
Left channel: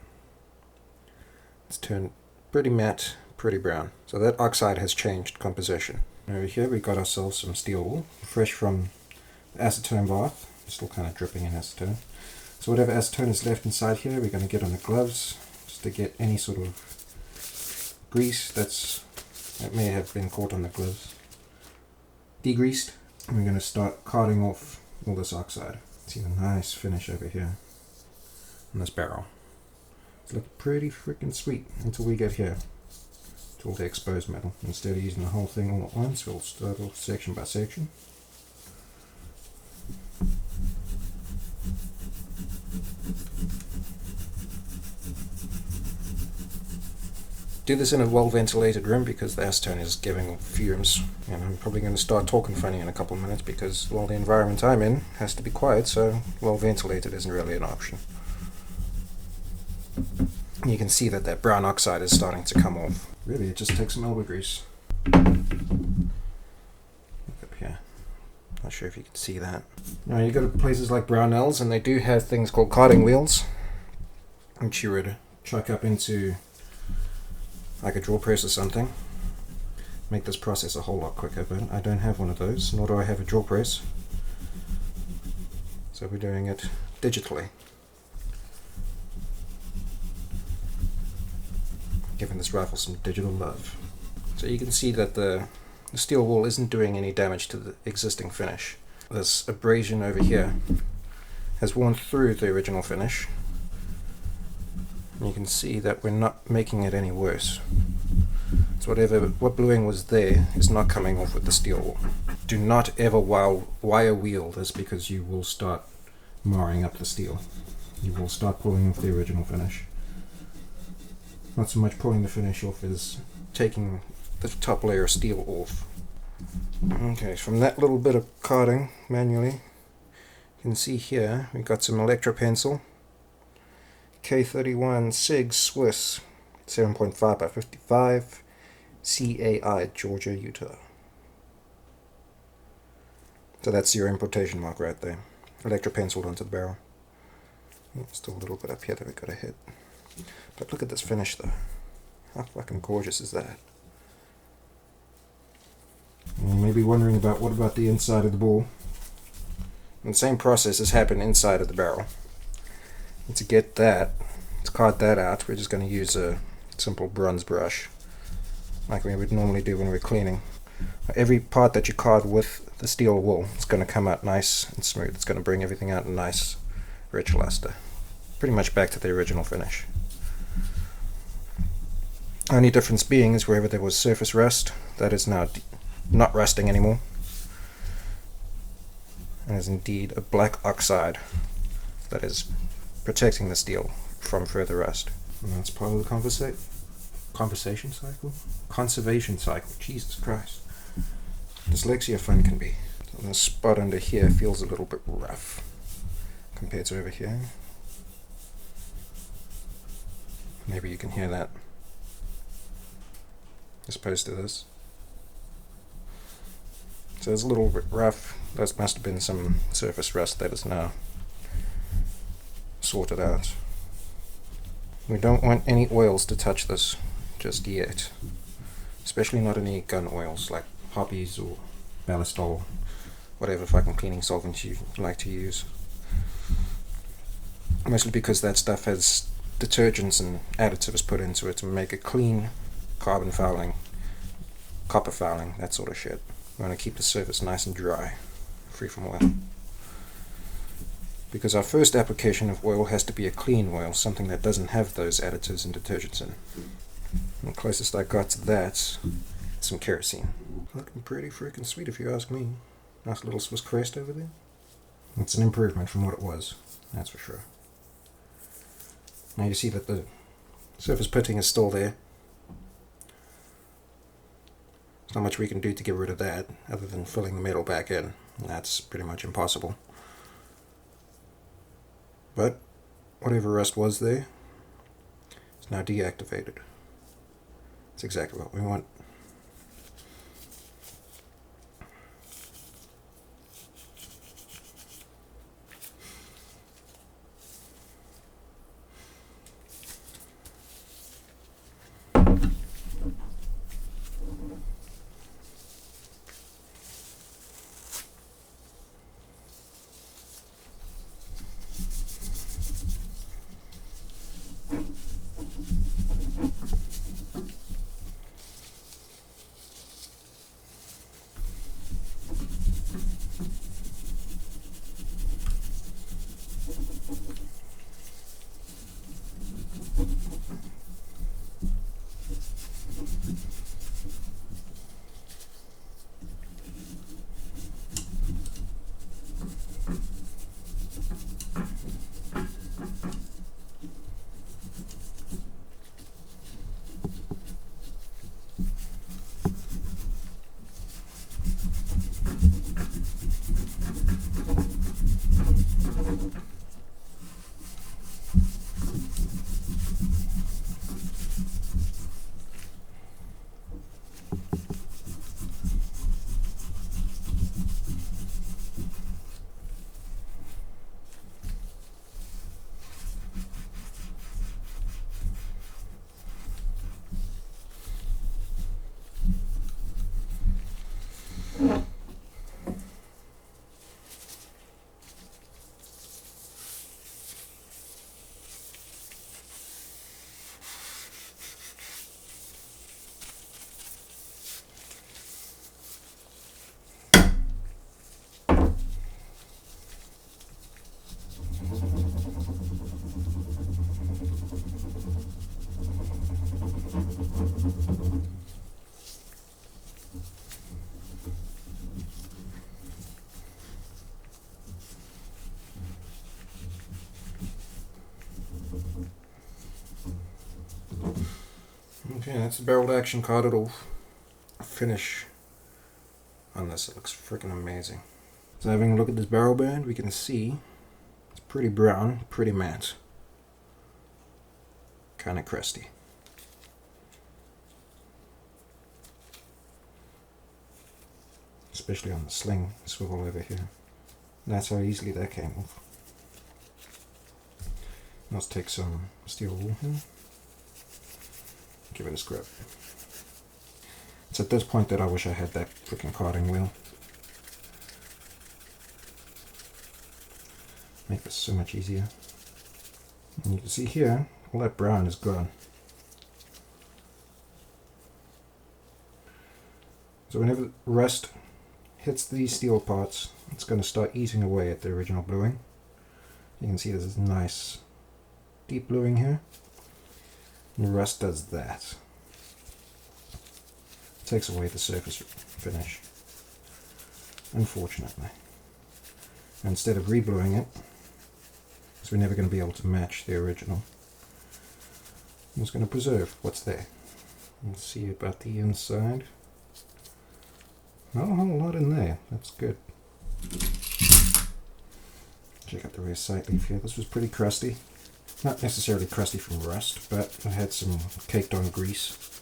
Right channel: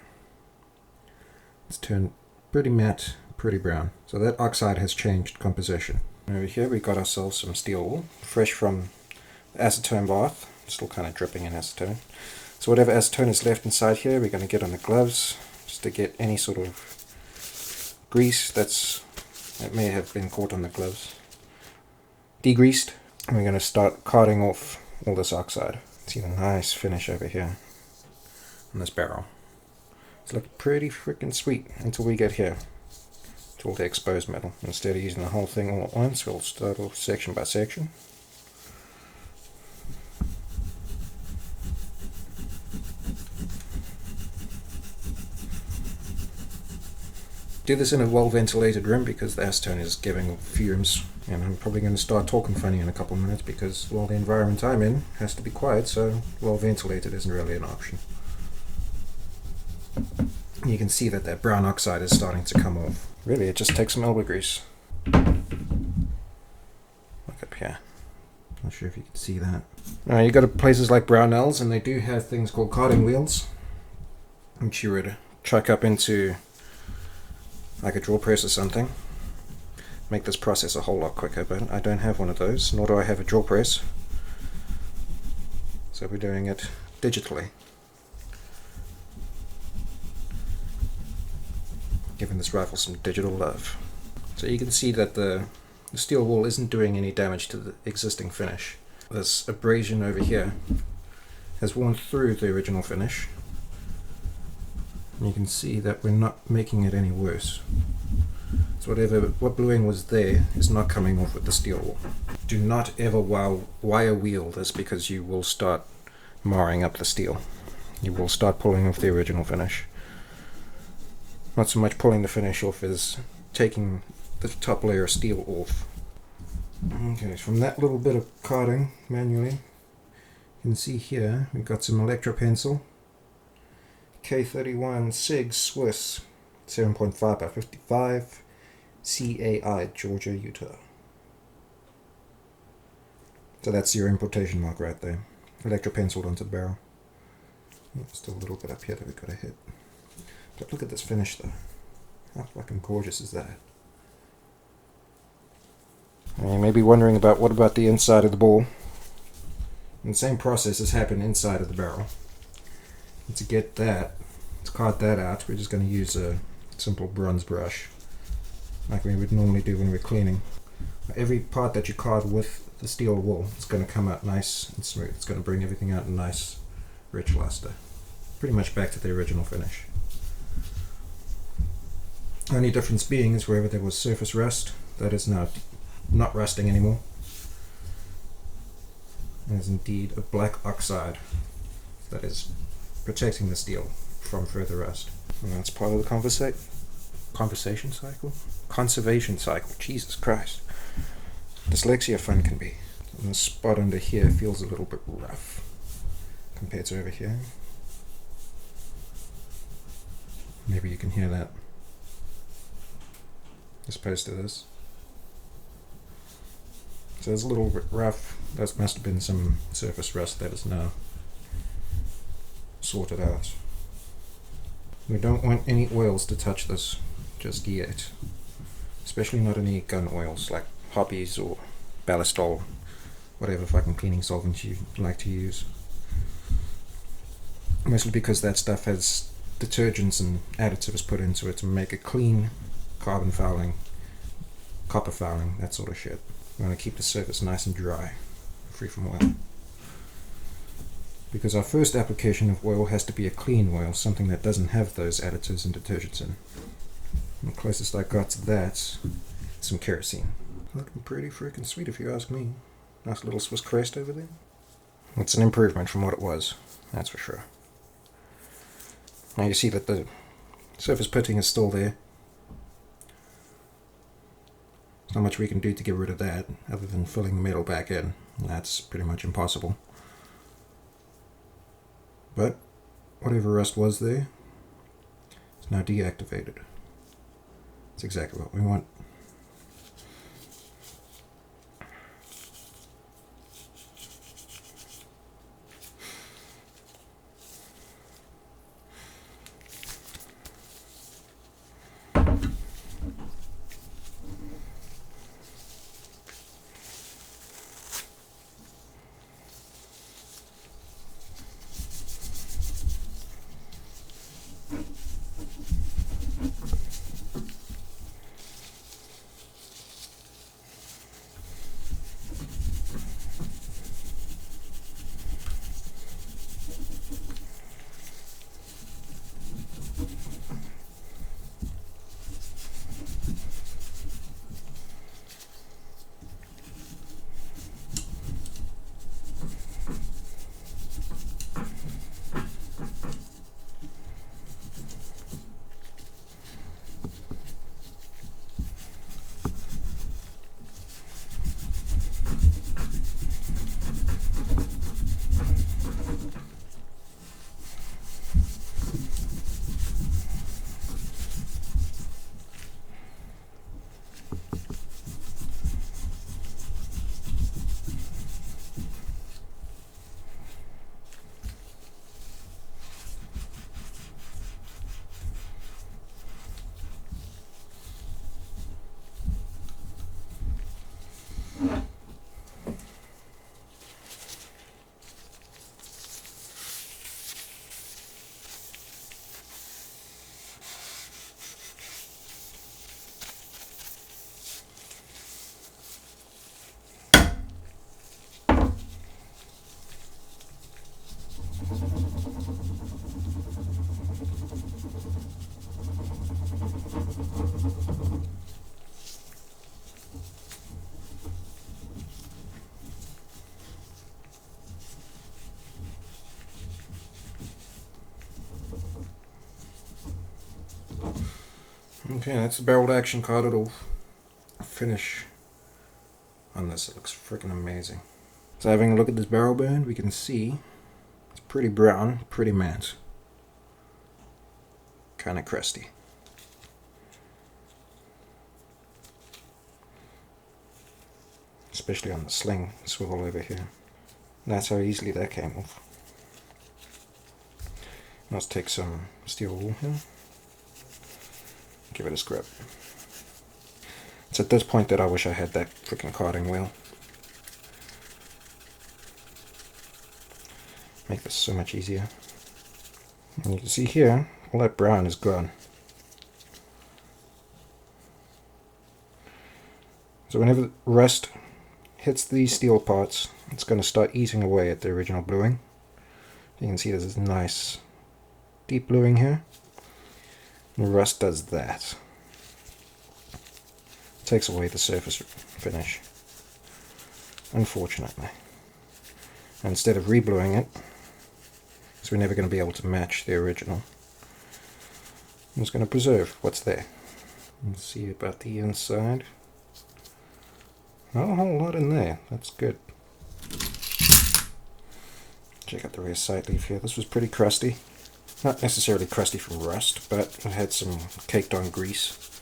It's turned pretty matte, pretty brown. So that oxide has changed composition. Over here we got ourselves some steel wool, fresh from the acetone bath, still kind of dripping in acetone. So whatever acetone is left inside here, we're going to get on the gloves, just to get any sort of grease that may have been caught on the gloves degreased. And we're going to start carting off all this oxide. See the nice finish over here. in this barrel. It's looking pretty freaking sweet until we get here, to all the exposed metal. Instead of using the whole thing all at once, we'll start off section by section. Do this in a well ventilated room because the acetone is giving fumes, and I'm probably going to start talking funny in a couple of minutes because, well, the environment I'm in has to be quiet, so well ventilated isn't really an option. You can see that that brown oxide is starting to come off. Really, it just takes some elbow grease. Look up here. Not sure if you can see that. Now, you go to places like Brownells, and they do have things called carding wheels, which you would chuck up into like a drill press or something. Make this process a whole lot quicker, but I don't have one of those, nor do I have a drill press. So we're doing it digitally. Giving this rifle some digital love. So you can see that the steel wool isn't doing any damage to the existing finish. This abrasion over here has worn through the original finish. And you can see that we're not making it any worse. So what bluing was there is not coming off with the steel wool. Do not ever wire wheel this because you will start marring up the steel. You will start pulling off the original finish. Not so much pulling the finish off as taking the top layer of steel off. Okay, so from that little bit of carding manually, you can see here we've got some electro pencil. K31 SIG Swiss 7.5 by 55 CAI Georgia, Utah. So that's your importation mark right there. Electro penciled onto the barrel. Still a little bit up here that we've got to hit. But look at this finish though. How fucking gorgeous is that? And you may be wondering about what about the inside of the ball. And the same process has happened inside of the barrel. And to get that, to card that out, we're just going to use a simple bronze brush, like we would normally do when we're cleaning. Every part that you card with the steel wool is going to come out nice and smooth. It's going to bring everything out in nice, rich luster. Pretty much back to the original finish. Only difference being is wherever there was surface rust, that is now not rusting anymore. And is indeed a black oxide that is protecting the steel from further rust. And that's part of the conversation cycle? Conservation cycle. Jesus Christ. Dyslexia fun can be. And the spot under here feels a little bit rough compared to over here. Maybe you can hear that as opposed to this. So it's a little bit rough. That must have been some surface rust that is now sorted out. We don't want any oils to touch this just yet. Especially not any gun oils like poppies or ballistol, whatever fucking cleaning solvents you like to use. Mostly because that stuff has detergents and additives put into it to make it clean, carbon fouling, copper fouling, that sort of shit. We want to keep the surface nice and dry, free from oil. Because our first application of oil has to be a clean oil, something that doesn't have those additives and detergents in. And the closest I got to that is some kerosene. Looking pretty freaking sweet if you ask me. Nice little Swiss crest over there. It's an improvement from what it was, that's for sure. Now you see that the surface pitting is still there. There's not much we can do to get rid of that other than filling the metal back in. That's pretty much impossible. But whatever rust was there is now deactivated. That's exactly what we want. Okay, that's the barreled action card. It'll finish on this. It looks freaking amazing. So having a look at this barrel band, we can see it's pretty brown, pretty matte. Kind of crusty. Especially on the sling swivel over here. And that's how easily that came off. Let's take some steel wool here. Give it a scrub. It's at this point that I wish I had that freaking carding wheel. Make this so much easier. And you can see here, all that brown is gone. So whenever rust hits these steel parts, it's going to start eating away at the original bluing. You can see there's this nice deep bluing here. And rust does that. Takes away the surface finish, unfortunately. And instead of rebluing it, so we're never going to be able to match the original, I'm just going to preserve what's there. Let's see about the inside. Not a whole lot in there, that's good. Check out the rear side leaf here. This was pretty crusty. Not necessarily crusty from rust, but it had some caked on grease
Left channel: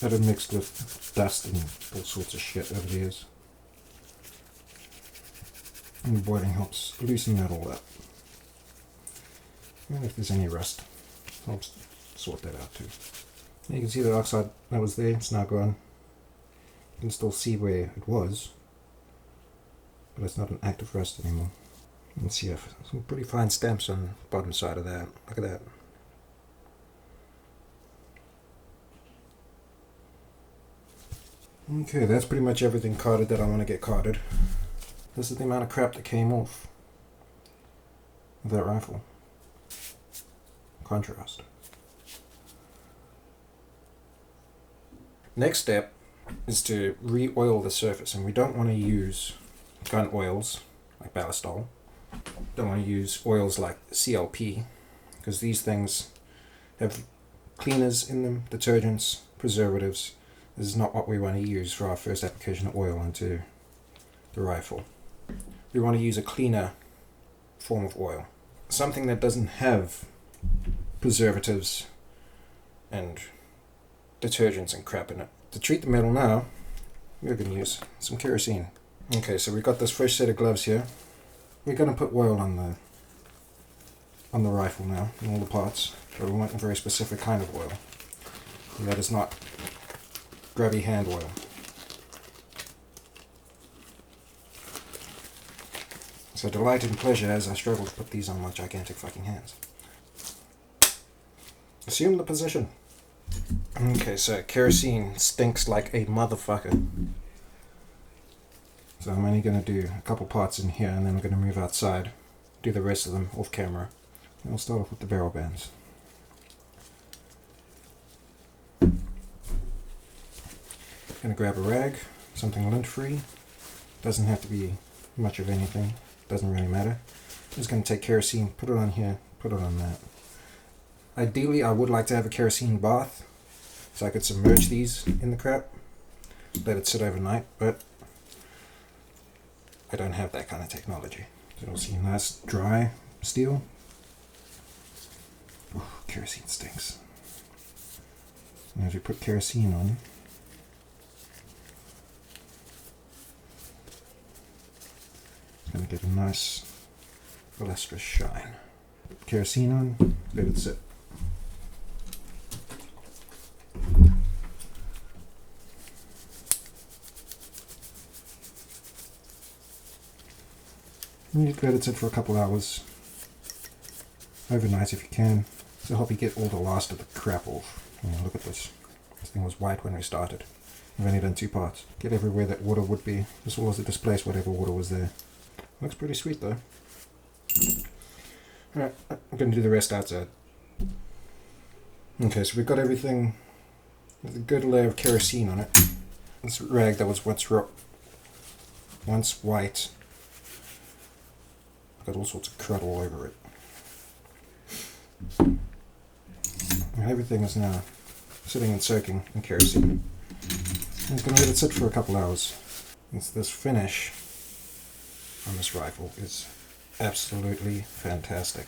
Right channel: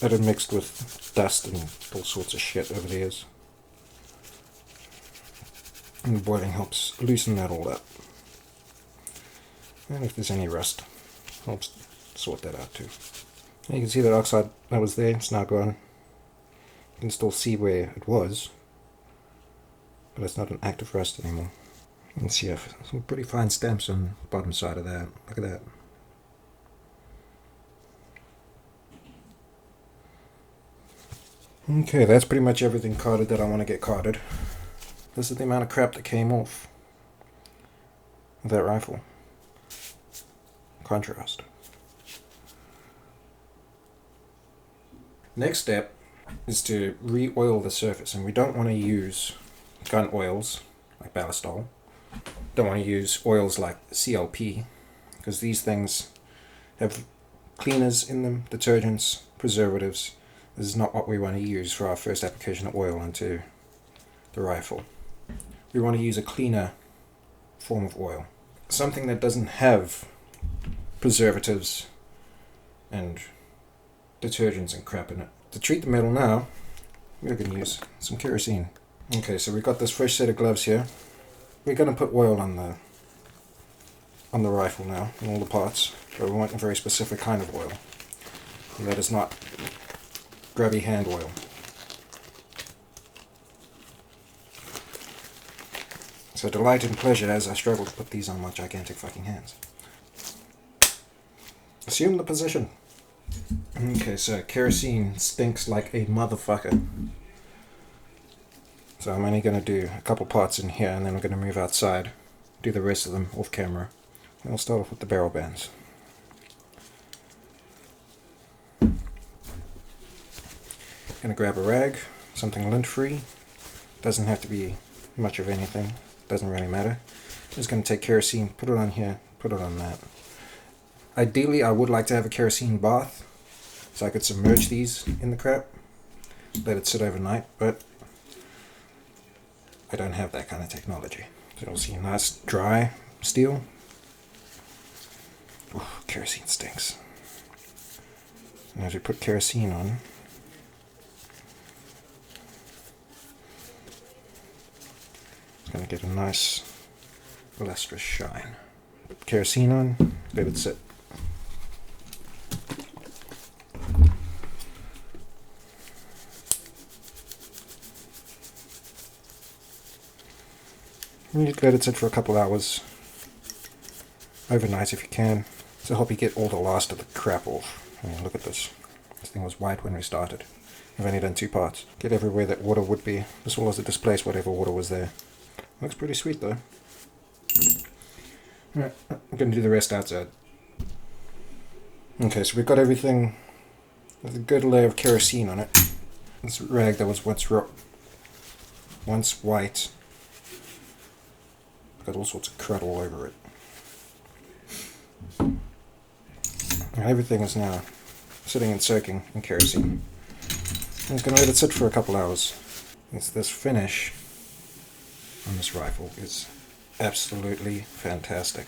that had mixed with dust and all sorts of shit over the years. And the boiling helps loosen that all up. And if there's any rust, helps sort that out too. You can see that oxide that was there, it's now gone. You can still see where it was, but it's not an active rust anymore. You can see some pretty fine stamps on the bottom side of that. Look at that. Okay, that's pretty much everything carded that I want to get carded. This is the amount of crap that came off of that rifle. Contrast. Next step is to re-oil the surface, and we don't want to use gun oils like ballistol. Don't want to use oils like CLP, because these things have cleaners in them, detergents, preservatives. This is not what we want to use for our first application of oil into the rifle. We want to use a cleaner form of oil. Something that doesn't have preservatives and detergents and crap in it. To treat the metal now, we're going to use some kerosene. Okay, so we've got this fresh set of gloves here. We're going to put oil on the rifle now, in all the parts, but we want a very specific kind of oil. And that is not grubby hand oil. So delight and pleasure as I struggle to put these on my gigantic fucking hands. Assume the position. Okay, so kerosene stinks like a motherfucker. So I'm only going to do a couple parts in here, and then I'm going to move outside, do the rest of them off camera. And I'll start off with the barrel bands. Going to grab a rag, something lint-free. Doesn't have to be much of anything. Doesn't really matter. Just going to take kerosene, put it on here, put it on that. Ideally, I would like to have a kerosene bath, so I could submerge these in the crap, let it sit overnight, but I don't have that kind of technology. So you'll see nice dry steel. Oh, kerosene stinks. And as we put kerosene on, it's going to get a nice lustrous shine. Put kerosene on, let it sit. You need to let it sit for a couple hours, overnight if you can, to help you get all the last of the crap off. I mean, look at this. This thing was white when we started. I've only done 2 parts. Get everywhere that water would be. This was to displace whatever water was there. Looks pretty sweet though. Alright, I'm going to do the rest outside. Okay, so we've got everything with a good layer of kerosene on it. This rag that was once white. Got all sorts of crud all over it. And everything is now sitting and soaking in kerosene. I'm just going to let it sit for a couple hours. This finish on this rifle is absolutely fantastic.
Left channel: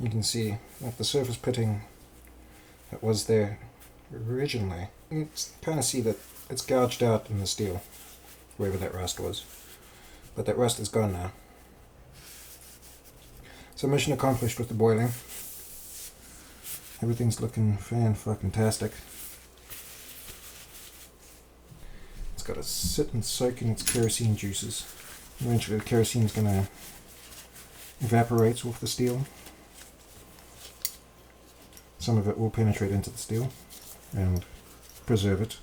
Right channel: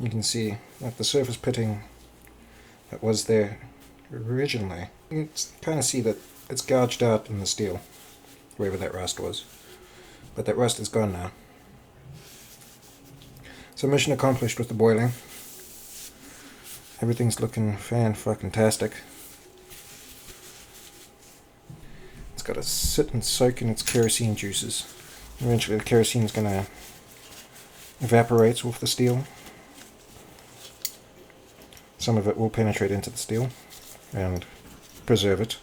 You can see that the surface pitting that was there originally, you can kind of see that it's gouged out in the steel, wherever that rust was. But that rust is gone now. So mission accomplished with the boiling. Everything's looking fan-fucking-tastic. It's got to sit and soak in its kerosene juices. Eventually the kerosene is going to evaporate off the steel. Some of it will penetrate into the steel and preserve it,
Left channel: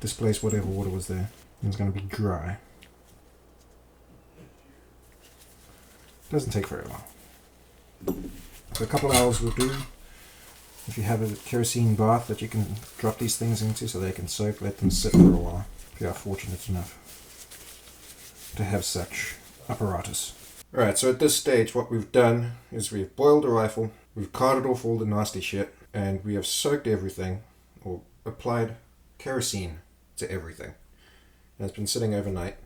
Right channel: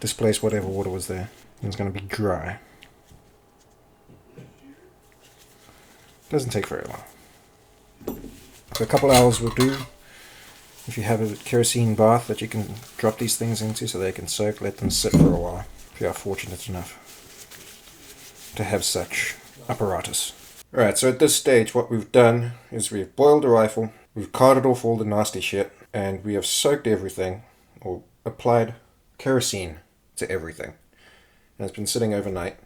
displace whatever water was there, and it's going to be dry. Doesn't take very long. So a couple hours will do. If you have a kerosene bath that you can drop these things into so they can soak, let them sit for a while, if you are fortunate enough to have such apparatus. Alright, so at this stage what we've done is we've boiled the rifle, we've carted off all the nasty shit, and we have soaked everything, or applied kerosene to everything. And it's been sitting overnight.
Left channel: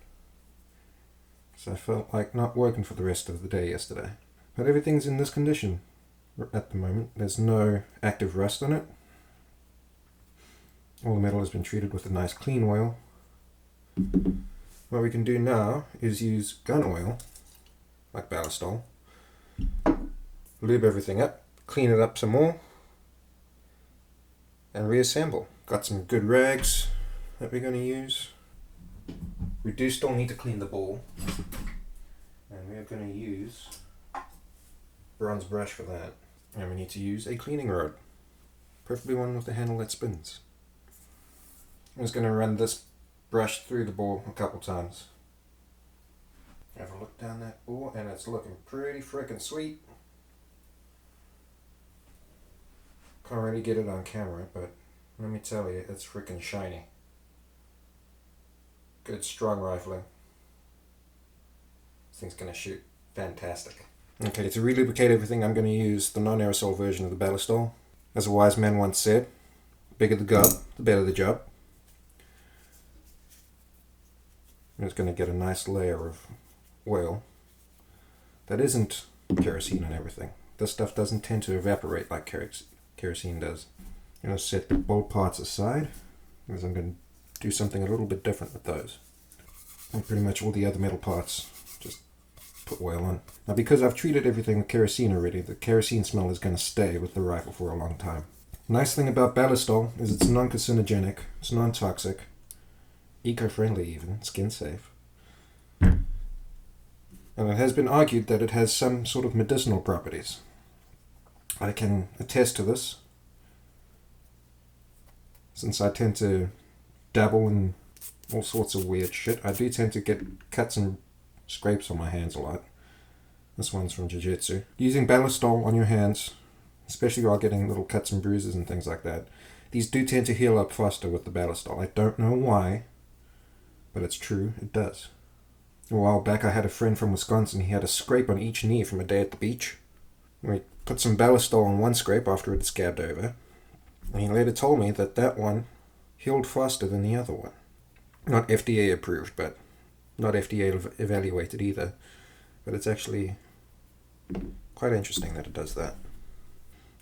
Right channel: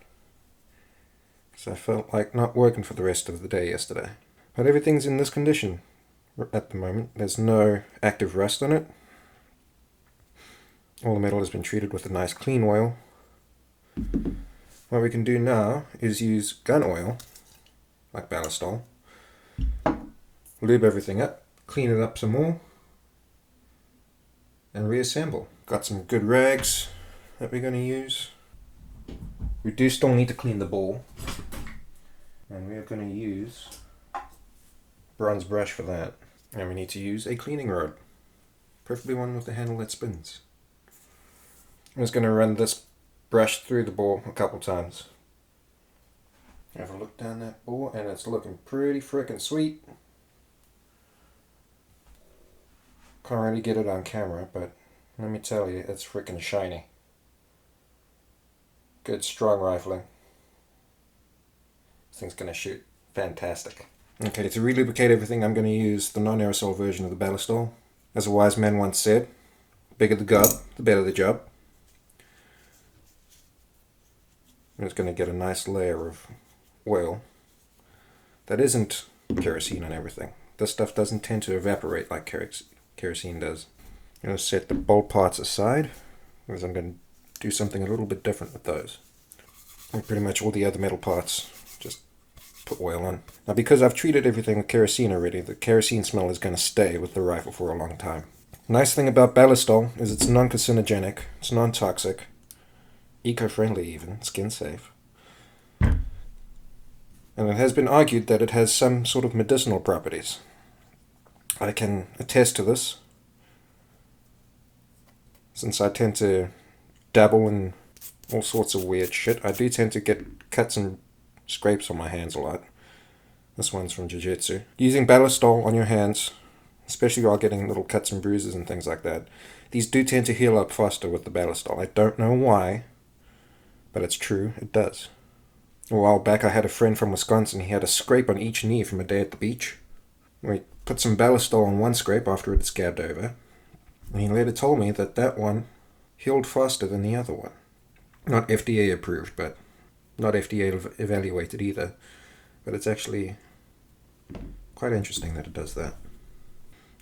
So I felt like not working for the rest of the day yesterday. But everything's in this condition at the moment. There's no active rust on it. All the metal has been treated with a nice clean oil. What we can do now is use gun oil, like ballistol, lube everything up, clean it up some more, and reassemble. Got some good rags that we're going to use. We do still need to clean the ball, and we are going to use bronze brush for that. And we need to use a cleaning rod, preferably one with a handle that spins. I'm just going to run this brush through the bore a couple times. Have a look down that bore, and it's looking pretty frickin' sweet. Can't really get it on camera, but let me tell you, it's frickin' shiny. Good strong rifling. This thing's gonna shoot fantastic. Okay, to relubricate everything, I'm going to use the non-aerosol version of the ballistol. As a wise man once said, the bigger the gob, the better the job. And it's going to get a nice layer of oil that isn't kerosene and everything. This stuff doesn't tend to evaporate like kerosene does. I'm going to set the bolt parts aside, because I'm going to do something a little bit different with those. And pretty much all the other metal parts, just put oil on. Now because I've treated everything with kerosene already, the kerosene smell is going to stay with the rifle for a long time. Nice thing about ballistol is it's non-carcinogenic, it's non-toxic, eco-friendly even, skin safe. And it has been argued that it has some sort of medicinal properties. I can attest to this, since I tend to dabble in all sorts of weird shit. I do tend to get cuts and scrapes on my hands a lot. This one's from jiu-jitsu. Using ballistol on your hands, especially while getting little cuts and bruises and things like that, these do tend to heal up faster with the ballistol. I don't know why, but it's true, it does. A while back I had a friend from Wisconsin. He had a scrape on each knee from a day at the beach. We put some ballistol on one scrape after it had scabbed over, and he later told me that that one healed faster than the other one. Not FDA approved, but not FDA evaluated either. But it's actually quite interesting that it does that.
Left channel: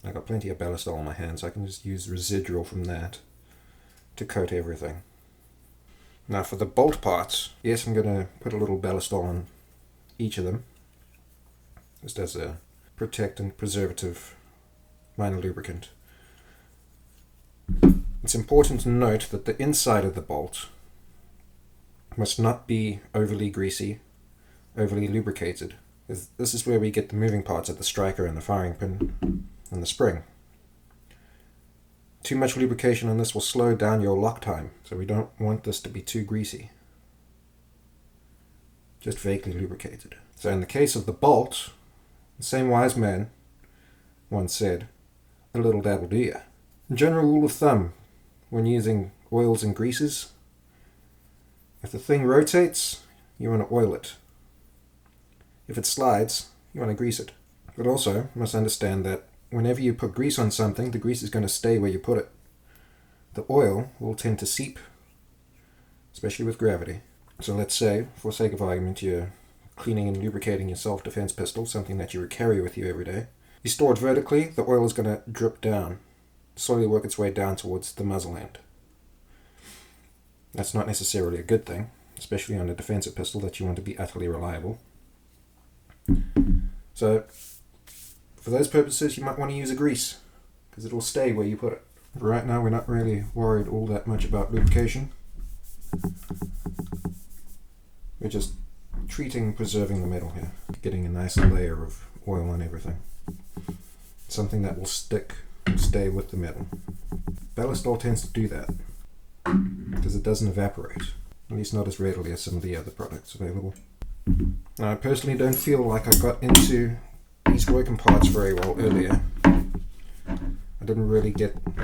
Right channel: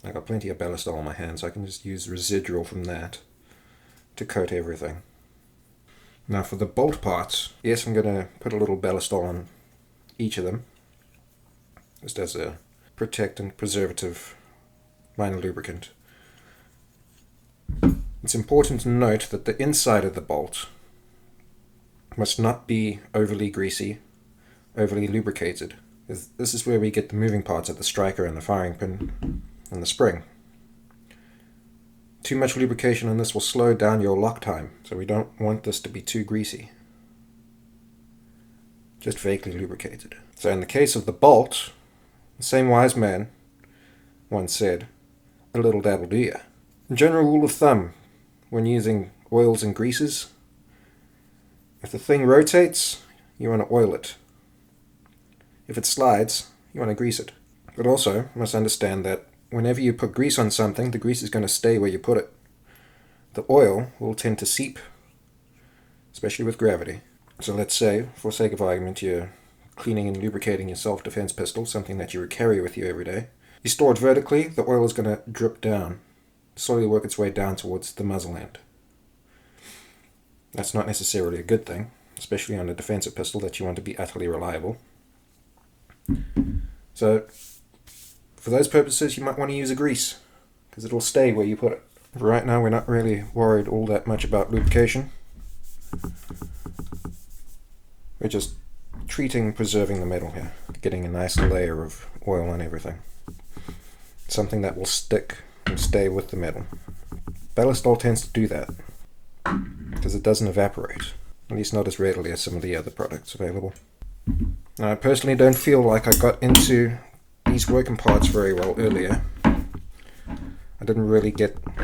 I got plenty of ballistol on my hands, so I can just use residual from that to coat everything. Now for the bolt parts, yes, I'm going to put a little ballistol on each of them, just as a protectant, preservative, minor lubricant. It's important to note that the inside of the bolt must not be overly greasy, overly lubricated. This is where we get the moving parts of the striker and the firing pin and the spring. Too much lubrication on this will slow down your lock time, so we don't want this to be too greasy. Just vaguely lubricated. So in the case of the bolt, the same wise man once said, a little dabble do ya. General rule of thumb when using oils and greases, if the thing rotates, you want to oil it. If it slides, you want to grease it. But also, you must understand that whenever you put grease on something, the grease is going to stay where you put it. The oil will tend to seep, especially with gravity. So let's say, for sake of argument, you're cleaning and lubricating your self-defense pistol, something that you would carry with you every day. You store it vertically, the oil is going to drip down, slowly work its way down towards the muzzle end. That's not necessarily a good thing, especially on a defensive pistol that you want to be utterly reliable. So, for those purposes, you might want to use a grease, because it'll stay where you put it. Right now, we're not really worried all that much about lubrication. We're just preserving the metal here, getting a nice layer of oil on everything. Something that will stick and stay with the metal. Ballistol tends to do that, because it doesn't evaporate, at least not as readily as some of the other products available. Now, I personally don't feel like I got into these working parts very well earlier. I didn't really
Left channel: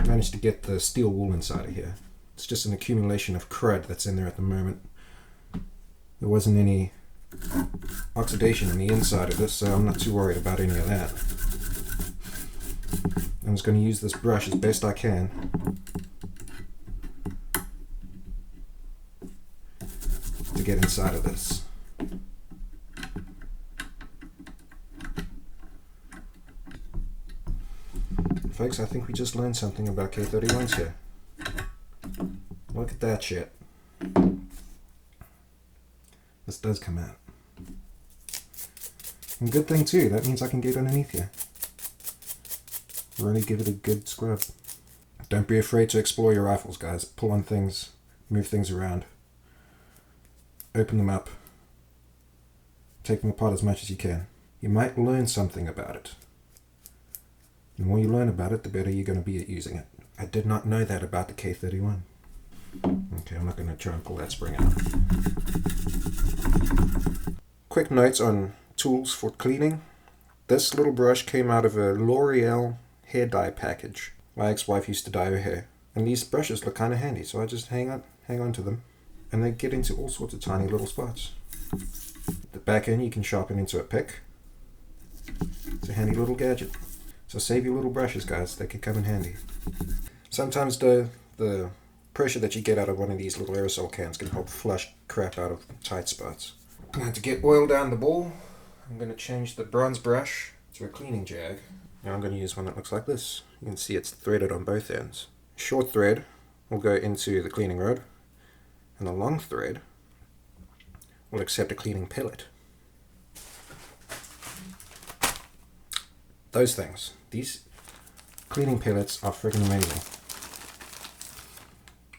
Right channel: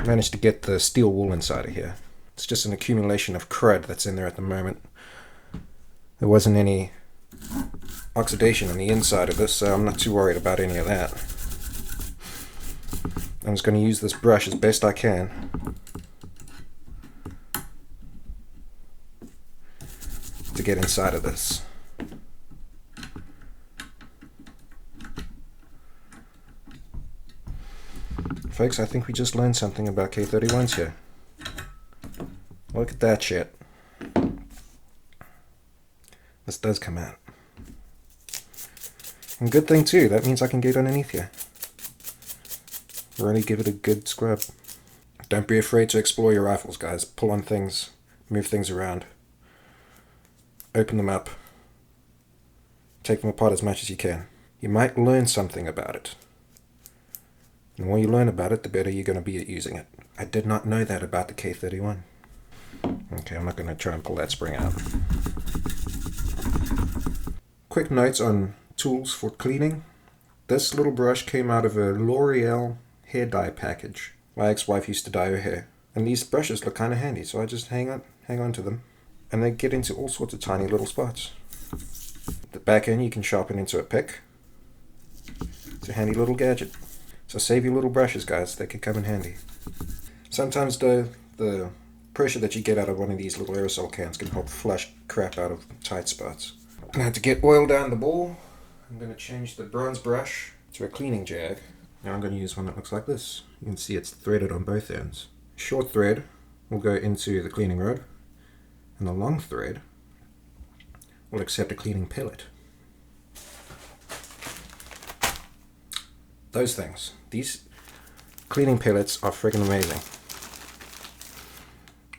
manage to get the steel wool inside of here. It's just an accumulation of crud that's in there at the moment. There wasn't any oxidation in the inside of this, so I'm not too worried about any of that. I'm just going to use this brush as best I can to get inside of this. Folks, I think we just learned something about K31s here. Look at that shit. This does come out. And good thing too, that means I can get underneath here. Really give it a good scrub. Don't be afraid to explore your rifles, guys. Pull on things, move things around. Open them up. Take them apart as much as you can. You might learn something about it. The more you learn about it, the better you're going to be at using it. I did not know that about the K31. Okay, I'm not going to try and pull that spring out. Quick notes on tools for cleaning. This little brush came out of a L'Oreal hair dye package. My ex-wife used to dye her hair. And these brushes look kind of handy, so I just hang on to them. And they get into all sorts of tiny little spots. The back end you can sharpen into a pick. It's a handy little gadget. So save your little brushes, guys. They can come in handy. Sometimes the pressure that you get out of one of these little aerosol cans can help flush crap out of tight spots. Now to get oil down the ball, I'm going to change the bronze brush to a cleaning jag. Now I'm going to use one that looks like this. You can see it's threaded on both ends. Short thread will go into the cleaning rod, and the long thread will accept a cleaning pellet. Those things. These cleaning pellets are freaking amazing.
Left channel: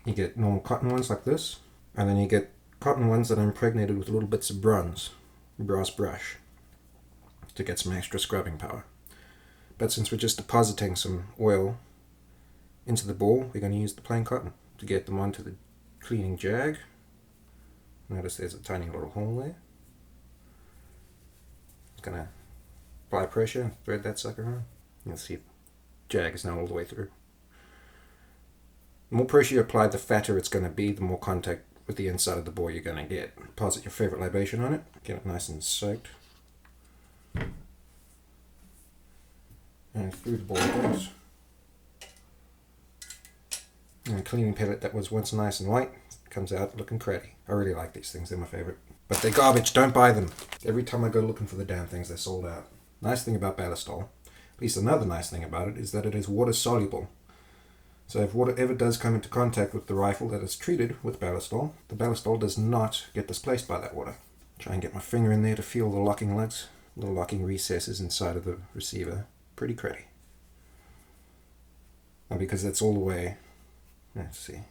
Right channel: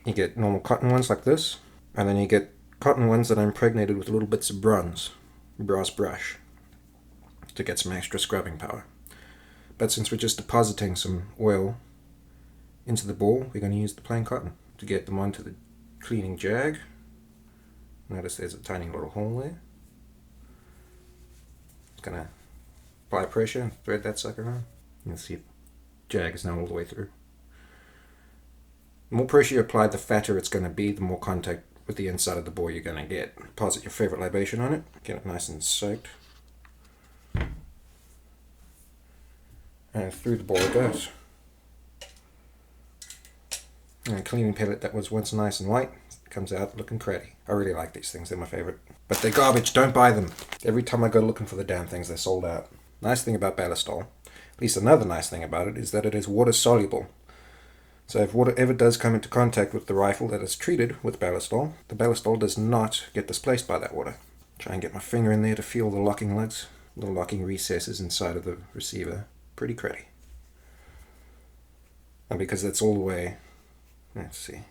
You get normal cotton ones like this, and then you get cotton ones that are impregnated with little bits of brass brush to get some extra scrubbing power. But since we're just depositing some oil into the ball, we're going to use the plain cotton to get them onto the cleaning jag. Notice there's a tiny little hole there. It's going to apply pressure and thread that sucker on. You'll see the jag is now all the way through. The more pressure you apply, the fatter it's going to be, the more contact with the inside of the bore you're going to get. Deposit your favorite libation on it, get it nice and soaked. And through the ball it goes. And a cleaning pellet that was once nice and white comes out looking cruddy. I really like these things, they're my favorite. But they're garbage, don't buy them. Every time I go looking for the damn things, they're sold out. Nice thing about Ballistol, at least another nice thing about it, is that it is water soluble. So if water ever does come into contact with the rifle that is treated with Ballistol, the Ballistol does not get displaced by that water. Try and get my finger in there to feel the locking lugs, little locking recesses inside of the receiver. Pretty cruddy. And because that's all the way, let's see,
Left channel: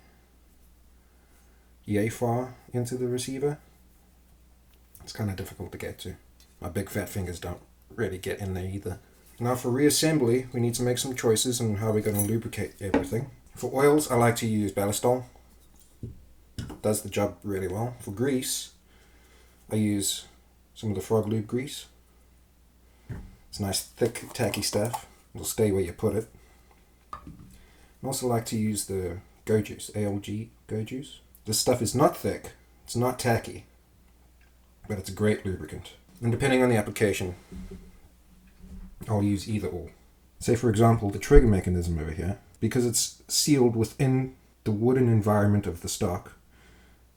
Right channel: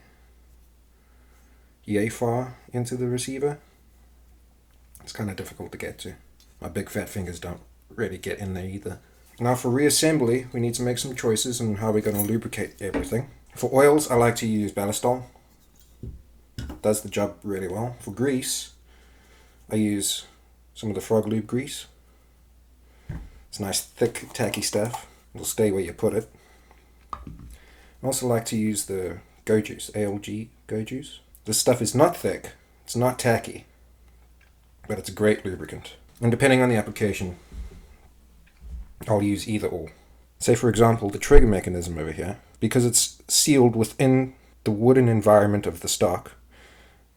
yay far into the receiver, it's kind of difficult to get to. My big fat fingers don't really get in there either. Now for reassembly, we need to make some choices on how we're going to lubricate everything. For oils, I like to use Ballistol. Does the job really well. For grease, I use some of the Frog Lube grease. It's nice, thick, tacky stuff. It'll stay where you put it. I also like to use the Go Juice, ALG Go Juice. This stuff is not thick, it's not tacky, but it's a great lubricant. And depending on the application, I'll use either or. Say for example, the trigger mechanism over here, because it's sealed within the wooden environment of the stock,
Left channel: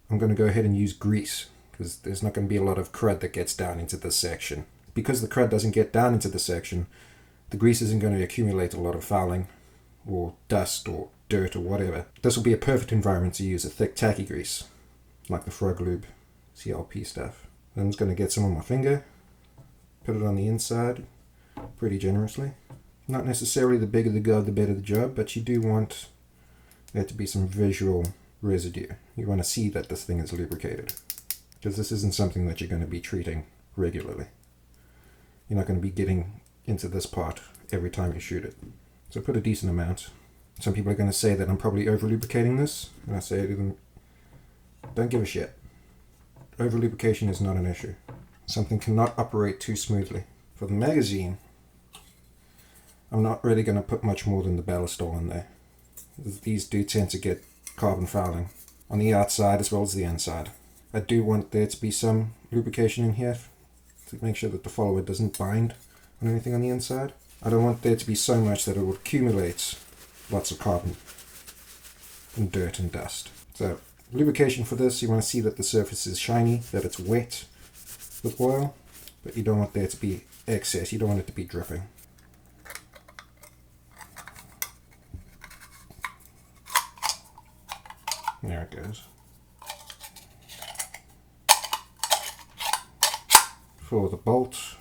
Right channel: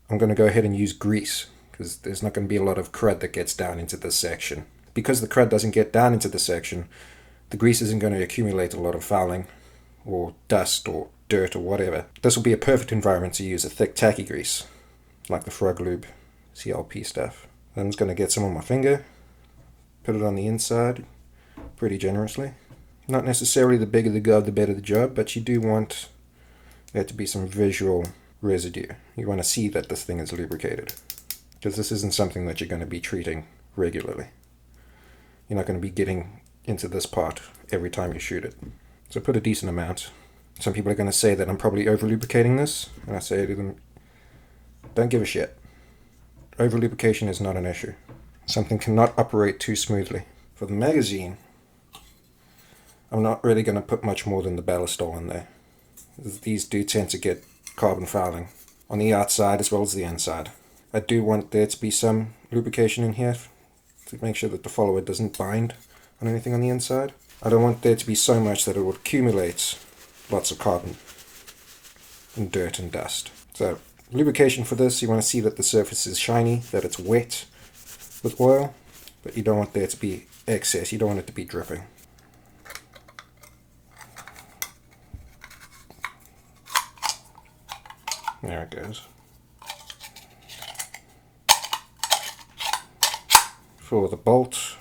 I'm going to go ahead and use grease, because there's not going to be a lot of crud that gets down into this section. Because the crud doesn't get down into the section, the grease isn't going to accumulate a lot of fouling or dust or dirt or whatever. This will be a perfect environment to use a thick tacky grease, like the Frog Lube CLP stuff. Then I'm just going to get some on my finger, put it on the inside pretty generously. Not necessarily the bigger the gob, the better the job, but you do want there to be some visual residue. You want to see that this thing is lubricated, because this isn't something that you're going to be treating regularly. You're not going to be getting into this part every time you shoot it. So put a decent amount. Some people are going to say that I'm probably over lubricating this, and I say to them, don't give a shit. Over lubrication is not an issue. Something cannot operate too smoothly. For the magazine, I'm not really going to put much more than the ballistol in there. These do tend to get carbon fouling on the outside as well as the inside. I do want there to be some lubrication in here to make sure that the follower doesn't bind on anything on the inside. I don't want there to be so much that it will accumulate lots of carbon and dirt and dust. So lubrication for this, you want to see that the surface is shiny, that it's wet with oil, but you don't want there to be excess. You don't want it to be dripping. There it goes. For the bolt,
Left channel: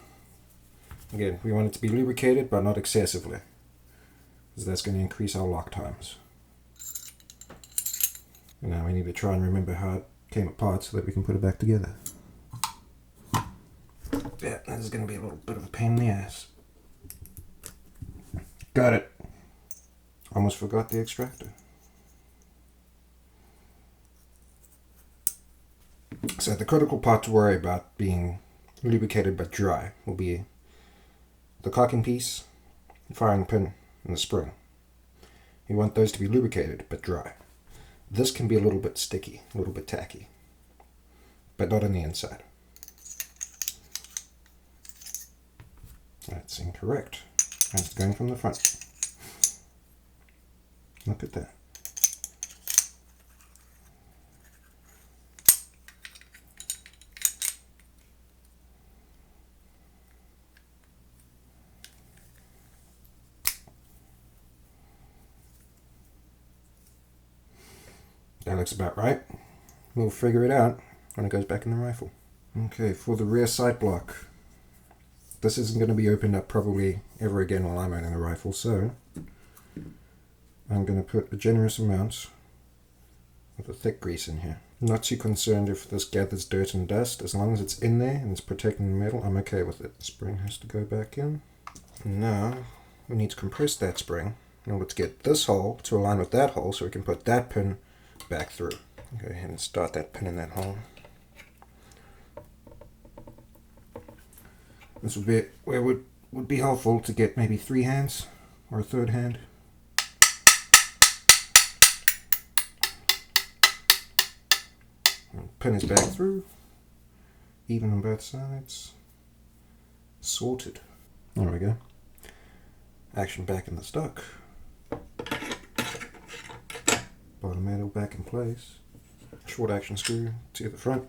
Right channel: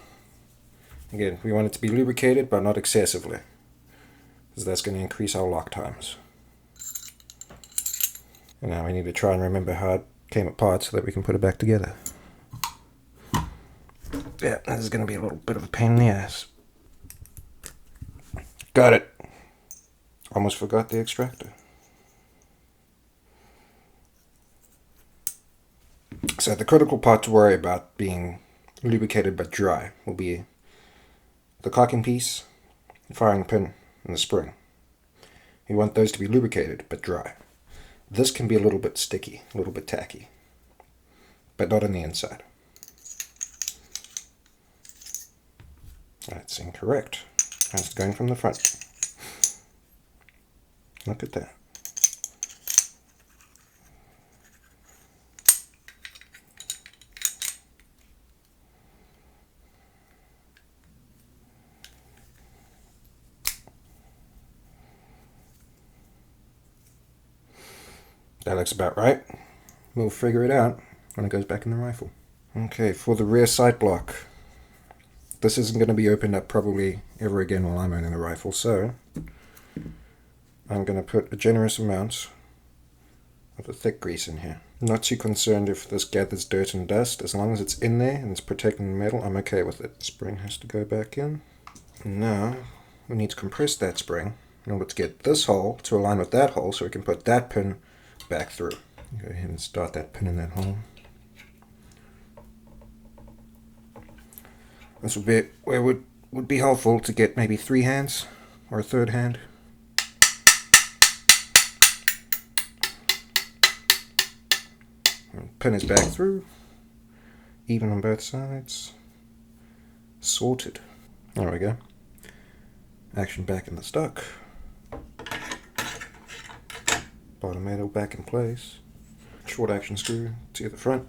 again, we want it to be lubricated, but not excessively, because that's going to increase our lock times. And now we need to try and remember how it came apart so that we can put it back together. Yeah, this is going to be a little bit of a pain in the ass. Got it. Almost forgot the extractor. So the critical part to worry about being lubricated but dry will be the cocking piece, the firing pin, and the spring. You want those to be lubricated but dry. This can be a little bit sticky, a little bit tacky, but not on the inside. That's incorrect. That's going from the front. Look at that. That looks about right. We'll figure it out when it goes back in the rifle. Okay, for the rear sight block. This isn't going to be opened up probably ever again while I'm owning the rifle, so I'm going to put a generous amount of the thick grease in here. I'm not too concerned if this gathers dirt and dust. As long as it's in there and it's protecting the metal, I'm okay with it. The spring has to go back in. And now we need to compress that spring in order to get this hole to align with that hole so we can put that pin back through. Go ahead and start that pin in that hole. This would be where it would be helpful to get maybe 3 hands or a third hand. And pin is back through, even on both sides. Sorted. There we go. Action back in the stock. Bottom metal back in place. Short action screw to the front.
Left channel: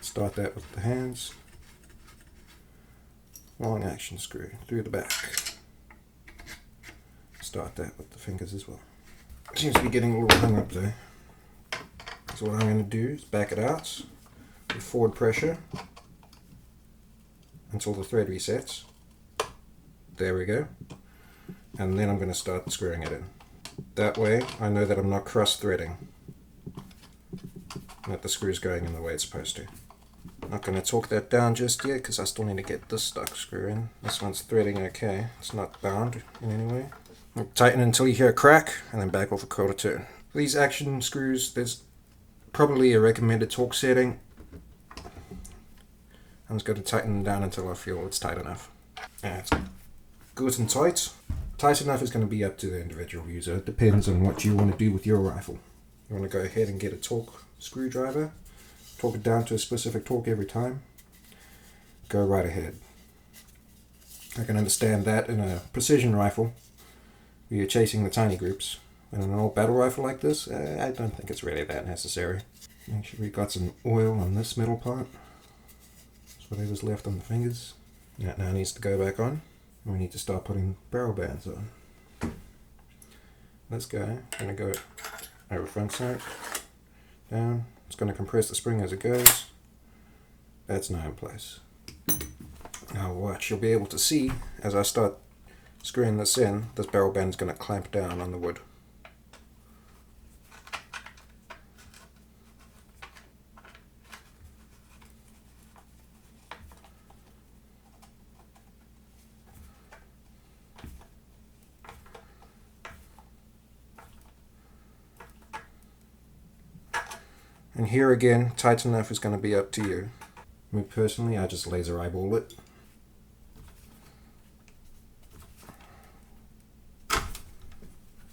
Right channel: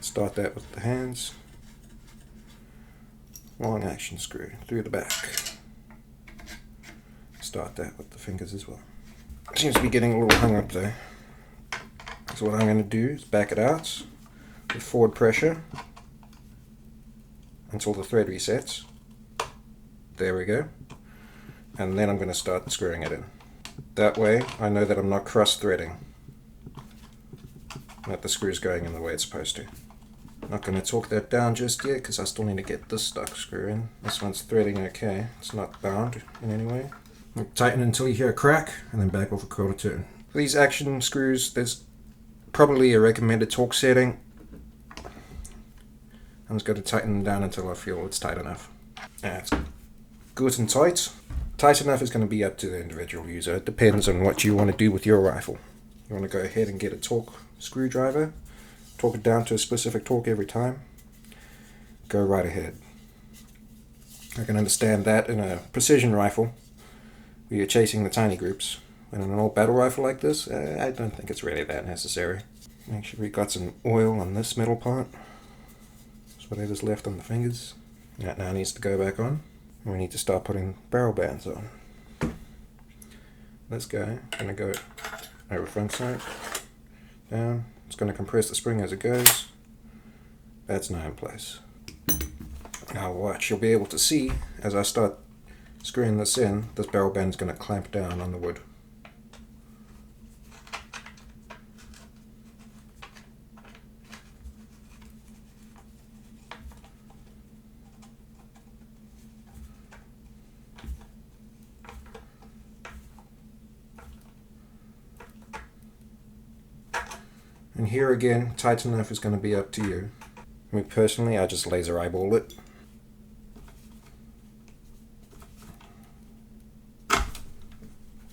Start that with the hands. Long action screw through the back. Start that with the fingers as well. Seems to be getting a little hung up there. So what I'm going to do is back it out with forward pressure until the thread resets. There we go. And then I'm going to start screwing it in. That way I know that I'm not cross threading, that the screw's going in the way it's supposed to. Not going to torque that down just yet because I still need to get this stuck screw in. This one's threading okay, it's not bound in any way. Tighten until you hear a crack and then back off a quarter turn. For these action screws, there's probably a recommended torque setting. I'm just going to tighten them down until I feel it's tight enough. Yeah, it's good and tight. Tight enough is going to be up to the individual user. It depends on what you want to do with your rifle. You want to go ahead and get a torque screwdriver, torque it down to a specific torque every time. go right ahead. I can understand that in a precision rifle, where you're chasing the tiny groups. But in an old battle rifle like this, I don't think it's really that necessary. Make sure we got some oil on this metal part. Just whatever's left on the fingers. That now needs to go back on. And we need to start putting barrel bands on. This guy, I'm going to go over front sight, down. It's going to compress the spring as it goes. That's now in place. Now watch, you'll be able to see as I start screwing this in, this barrel band is going to clamp down on the wood. And here again, tight enough is going to be up to you. Me personally, I just laser eyeball it.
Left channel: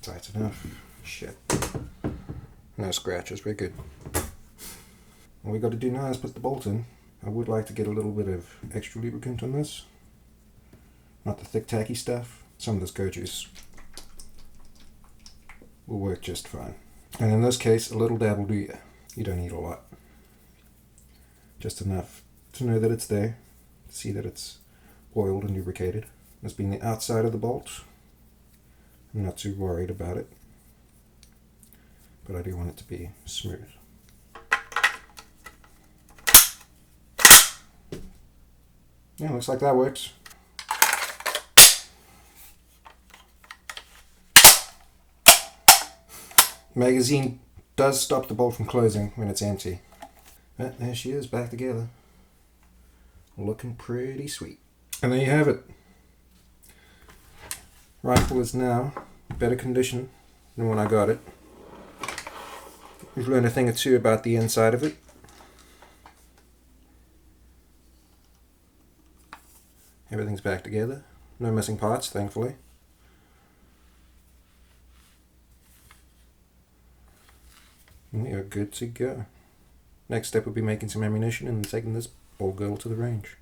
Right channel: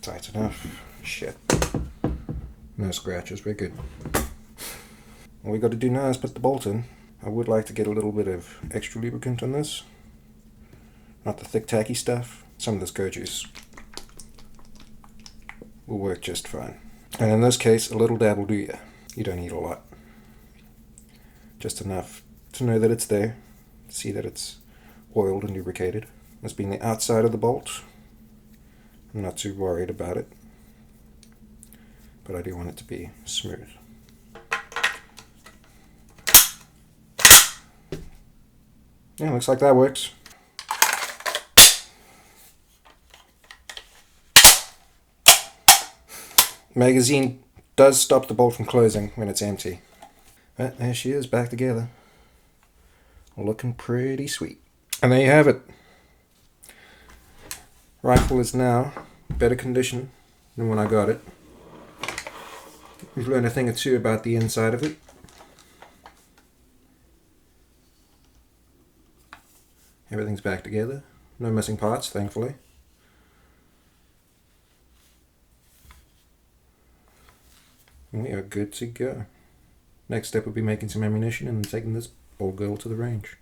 Tight enough. Shit. No scratches, we're good. All we got to do now is put the bolt in. I would like to get a little bit of extra lubricant on this. Not the thick tacky stuff. Some of this goat juice will work just fine. And in this case, a little dab will do ya. You don't need a lot. Just enough to know that it's there. See that it's oiled and lubricated. This being the outside of the bolt, I'm not too worried about it. But I do want it to be smooth. Yeah, looks like that works. Magazine does stop the bolt from closing when it's empty. But there she is, back together. Looking pretty sweet. And there you have it. Rifle is now better condition than when I got it. We've learned a thing or two about the inside of it. Everything's back together. No missing parts, thankfully. We are good to go. Next step will be making some ammunition and taking this old girl to the range.